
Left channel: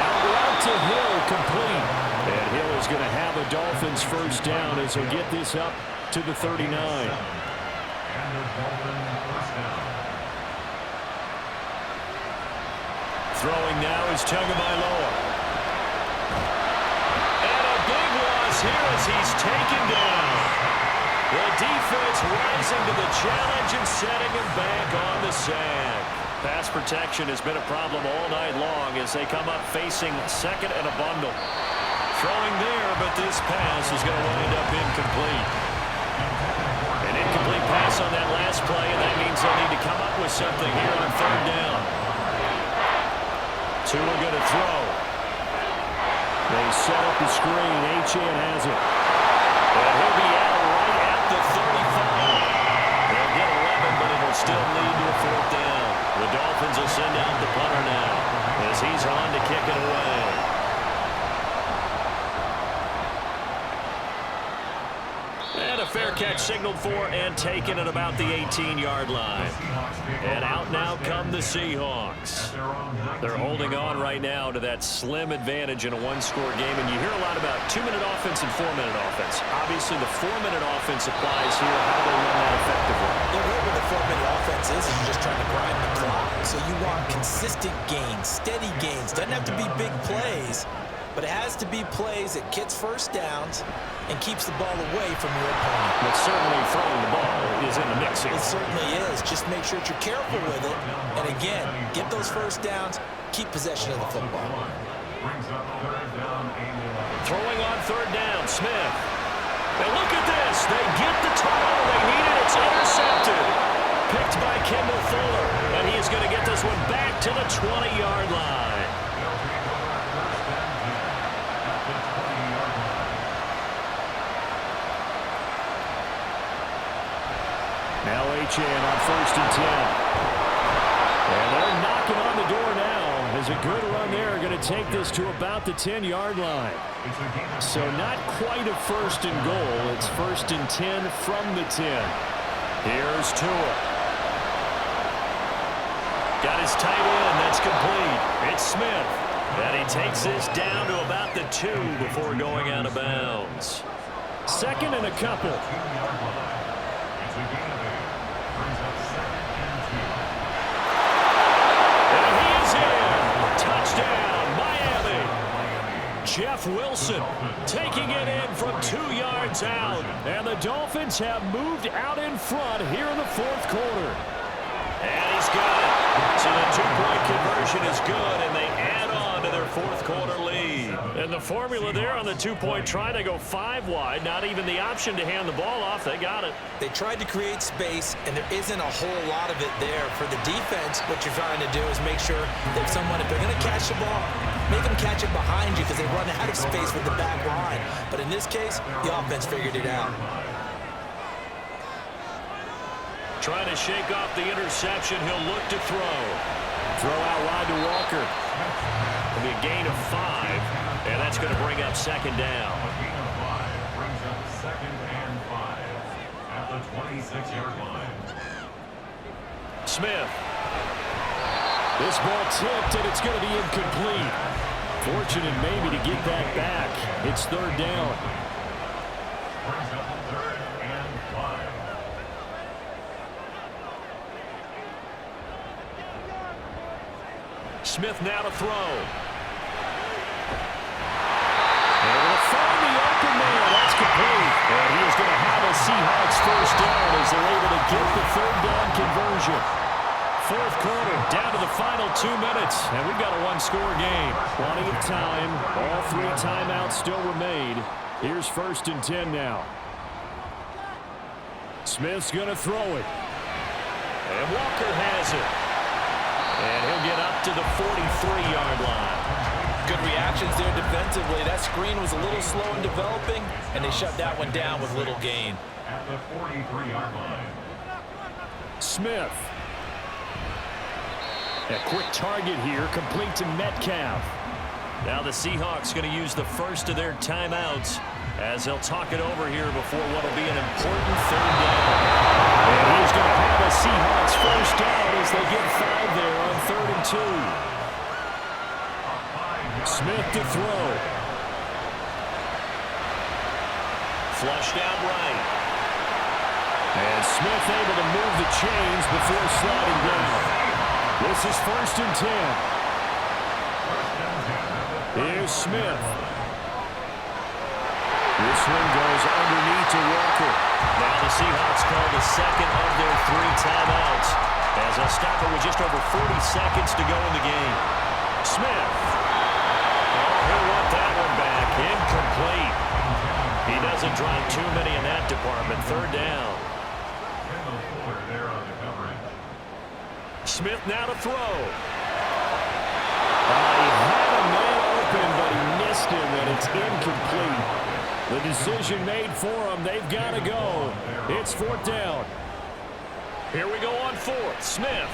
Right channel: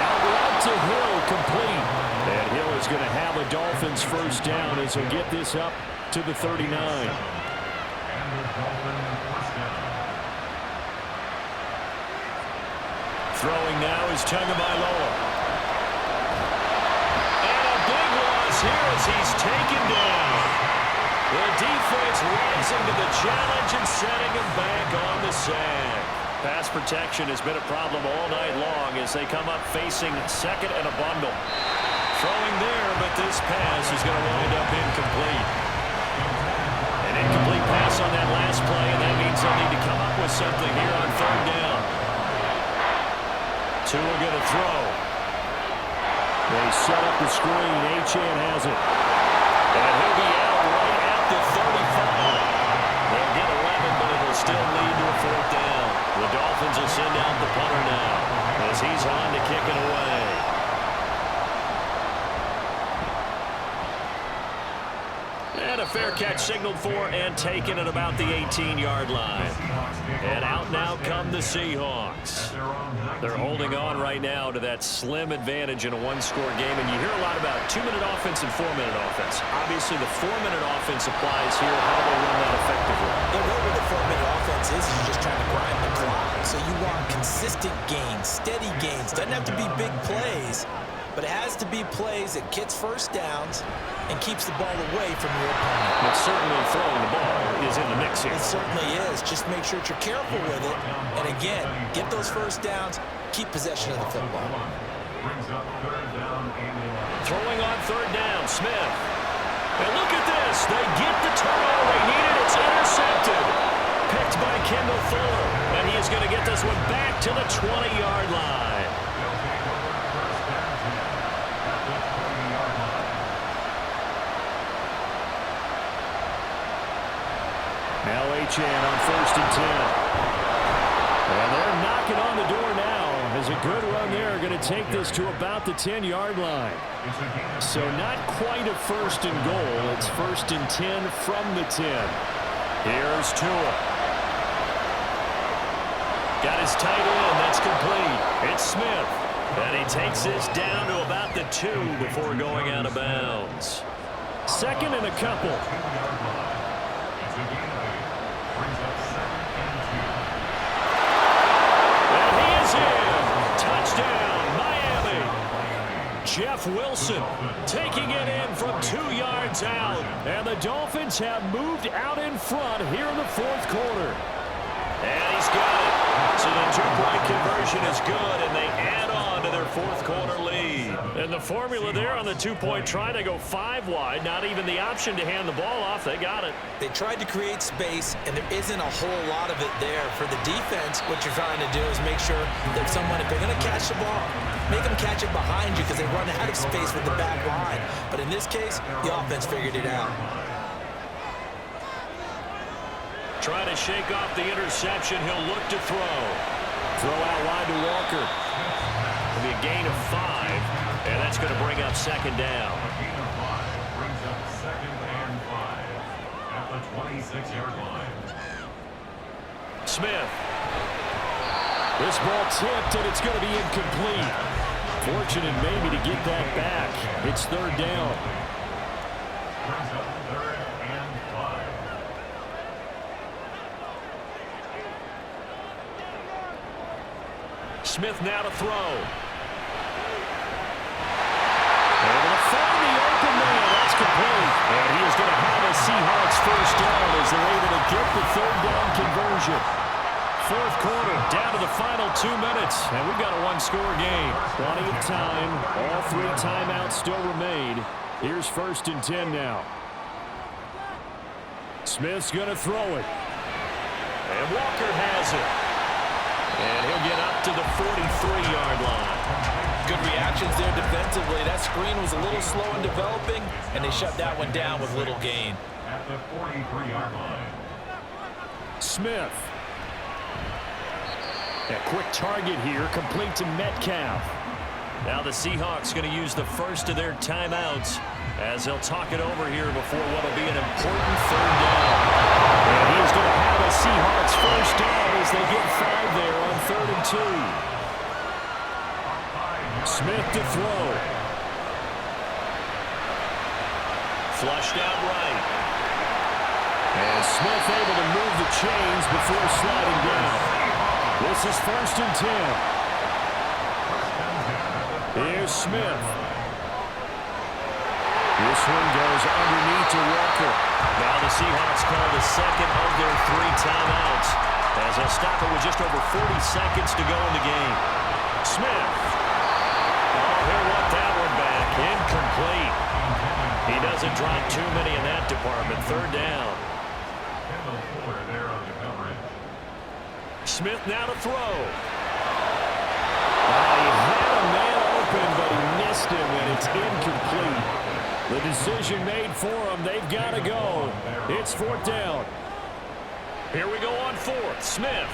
Out route to Hill, complete. And Hill is going to have a Dolphins 1st down as he'll get this up to the 39. And the Dolphin 1st down. Throwing now is Tagovailoa. And a big loss here as he's taken down. The defense rising to the challenge and setting him back on the sack. Pass protection has been a problem all night long as they come up facing 2nd and a bundle. Throwing there, but this pass is going to wind up incomplete. An incomplete pass on that last play, and that means they'll need to come up with something here on 3rd down. Tua going to throw. They set up the screen. Achane has it. And he'll be out right at the 35. They'll get 11, but it'll still lead to a 4th down. The Dolphins will send out the punter now as he's on to kick it away. And a fair catch signaled for and taken at about the 18-yard line. And out now come the Seahawks. They're holding on right now to that slim advantage in a 1-score game. And you hear a lot about 2-minute offense and 4-minute offense. Obviously, the 4-minute offense applies here. How do they run that effectively? Yeah, really what the 4-minute offense is you're just trying to grind the clock. So you want consistent gains, steady gains. Doesn't have to be big plays, but it has to be plays that gets 1st downs and keeps the ball away from your opponent. But certainly throwing the ball is in the mix here. It certainly is. Just make sure that you're careful with it. And again, get those 1st downs, keep possession of the football. Brings up 3rd down and 11. Throwing on 3rd down, Smith. And look at this. They get the turnover they needed. It's intercepted. Picked by Kendall Fuller. And he is going to get this one back to the 20-yard line. They'll take over 1st and 10 at the 20-yard line. Now Achane on 1st and 10. And they're knocking on the door now as a good run there. Going to take this to about the 10-yard line. So not quite a 1st and goal. It's 1st and 10 from the 10. Here's Tua. Got his tight end. That's complete. It's Smith. And he takes this down to about the 2 before going out of bounds. 2nd and a couple. a gain of 8. Brings up 2nd and 2. And he is in. Touchdown, Miami. Jeff Wilson taking it in from 2 yards out. And the Dolphins have moved out in front here in the fourth quarter. And he's got it. So the two-point conversion is good, and they add on to their fourth quarter lead. And the formula there on the two-point try to go 5 wide, not even the option to hand the ball off. They got it. They tried to create space, and there isn't a whole lot of it there. For the defense, what you're trying to do is make sure that someone, if they're going to catch the ball, make them catch it behind you because they run out of space with the back line. But in this case, the offense figured it out. Trying to shake off the interception. He'll look to throw. Throw out wide to Walker. It'll be a gain of 5, and that's going to bring up 2nd down. A gain of 5 brings up 2nd and 5 at the 26-yard line. Smith. This ball tipped, and it's going to be incomplete. Fortunate maybe to get that back. It's 3rd down. Brings up 3rd and 5. Smith now to throw. Able to find the open man. That's complete. And he is going to have a Seahawks first down as they're able to get the 3rd down conversion. Fourth quarter, down to the final 2 minutes, and we've got a one-score game. Plenty of time. All 3 timeouts still remain. Here's 1st and 10 now. Smith's going to throw it. And Walker has it. And he'll get up to the 43-yard line. Good reactions there defensively. That screen was a little slow in developing, and they shut that one down with little gain. At the 43-yard line. Smith. A quick target here, complete to Metcalf. Now the Seahawks going to use the first of their timeouts as they'll talk it over here before what will be an important 3rd down. And he is going to have a Seahawks first down as they get 5 there on 3rd and 2. Smith to throw. Flushed out right. And Smith able to move the chains before sliding down. This is 1st and 10. Here's Smith. This one goes underneath to Walker. Now the Seahawks call the 2nd of their 3 timeouts as they'll stop it with just over 40 seconds to go in the game. Smith. Oh, he'll want that one back. Incomplete. He doesn't drop too many in that department. 3rd down. Smith now to throw. He had a man open, but he missed him, and it's incomplete. The decision made for him. They've got to go. It's 4th down. Here we go on 4th. Smith.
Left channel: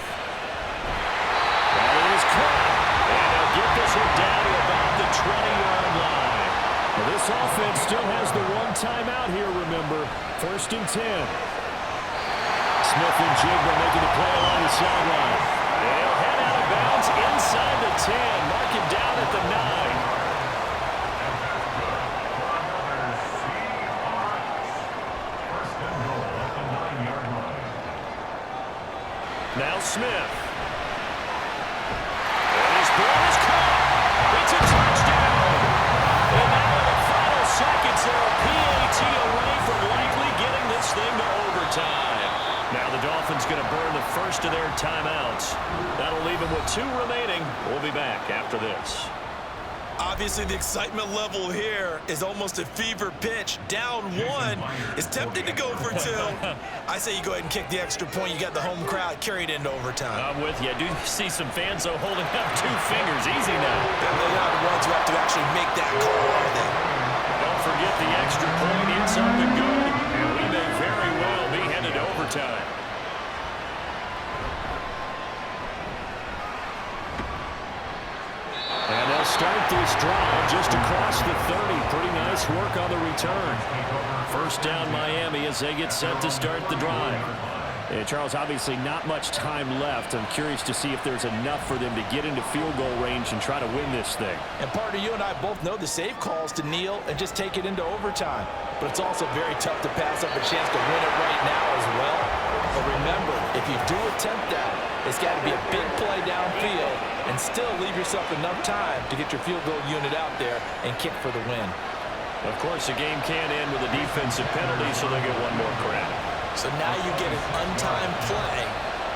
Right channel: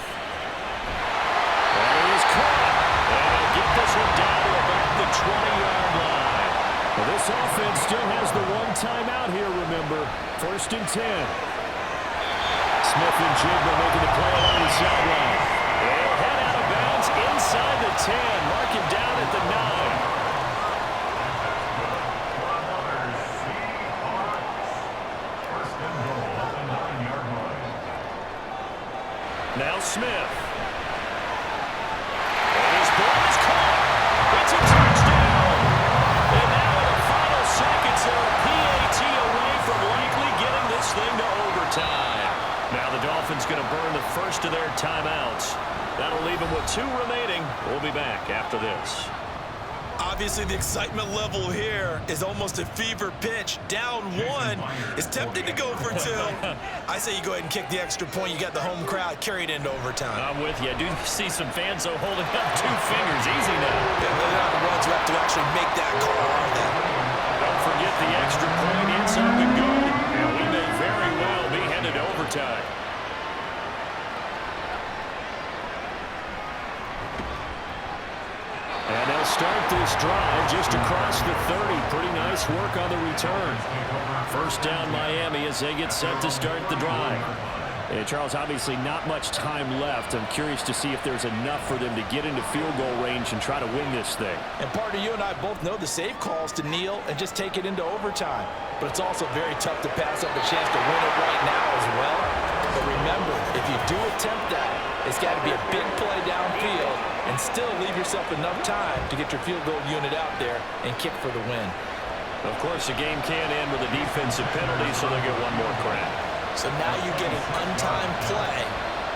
That is caught. And they'll get this one down to about the 20-yard line. Well, this offense still has the 1 timeout here, remember. 1st and 10. Smith and Jigba making the play along the sideline. They'll head out of bounds inside the 10. Mark him down at the 9. Now Smith. And his ball is caught. It's a touchdown. And now in the final seconds, they're a PAT away from likely getting this thing to overtime. Now the Dolphins going to burn the first of their timeouts. That'll leave them with 2 remaining. We'll be back after this. Obviously, the excitement level here is almost a fever pitch. Down 1. It's tempting to go for 2. I say you go ahead and kick the extra point. You got the home crowd carried into overtime. I'm with you. I do see some fans, though, holding up 2 fingers. Easy now. Yeah, they're not the ones who have to actually make that call, are they? Don't forget the extra point. It's up and good. And we may very well be headed to overtime. And they'll start this drive just across the 30. Pretty nice work on the return. First down Miami as they get set to start the drive. And Charles, obviously not much time left. I'm curious to see if there's enough for them to get into field goal range and try to win this thing. And partner, you and I both know the safe calls to kneel and just take it into overtime. But it's also very tough to pass up a chance to win it right now as well. But remember, if you do attempt that, it's got to be a big play downfield and still leave yourself enough time to get your field goal unit out there and kick for the win. Of course, the game can end with a defensive penalty, so they'll get one more crack. So now you get an untimed play,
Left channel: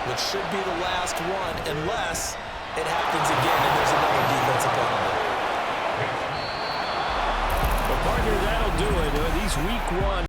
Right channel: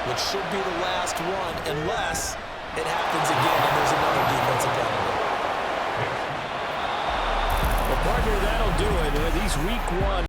which should be the last one, unless it happens again and there's another defensive penalty. Well, partner, that'll do it. These week one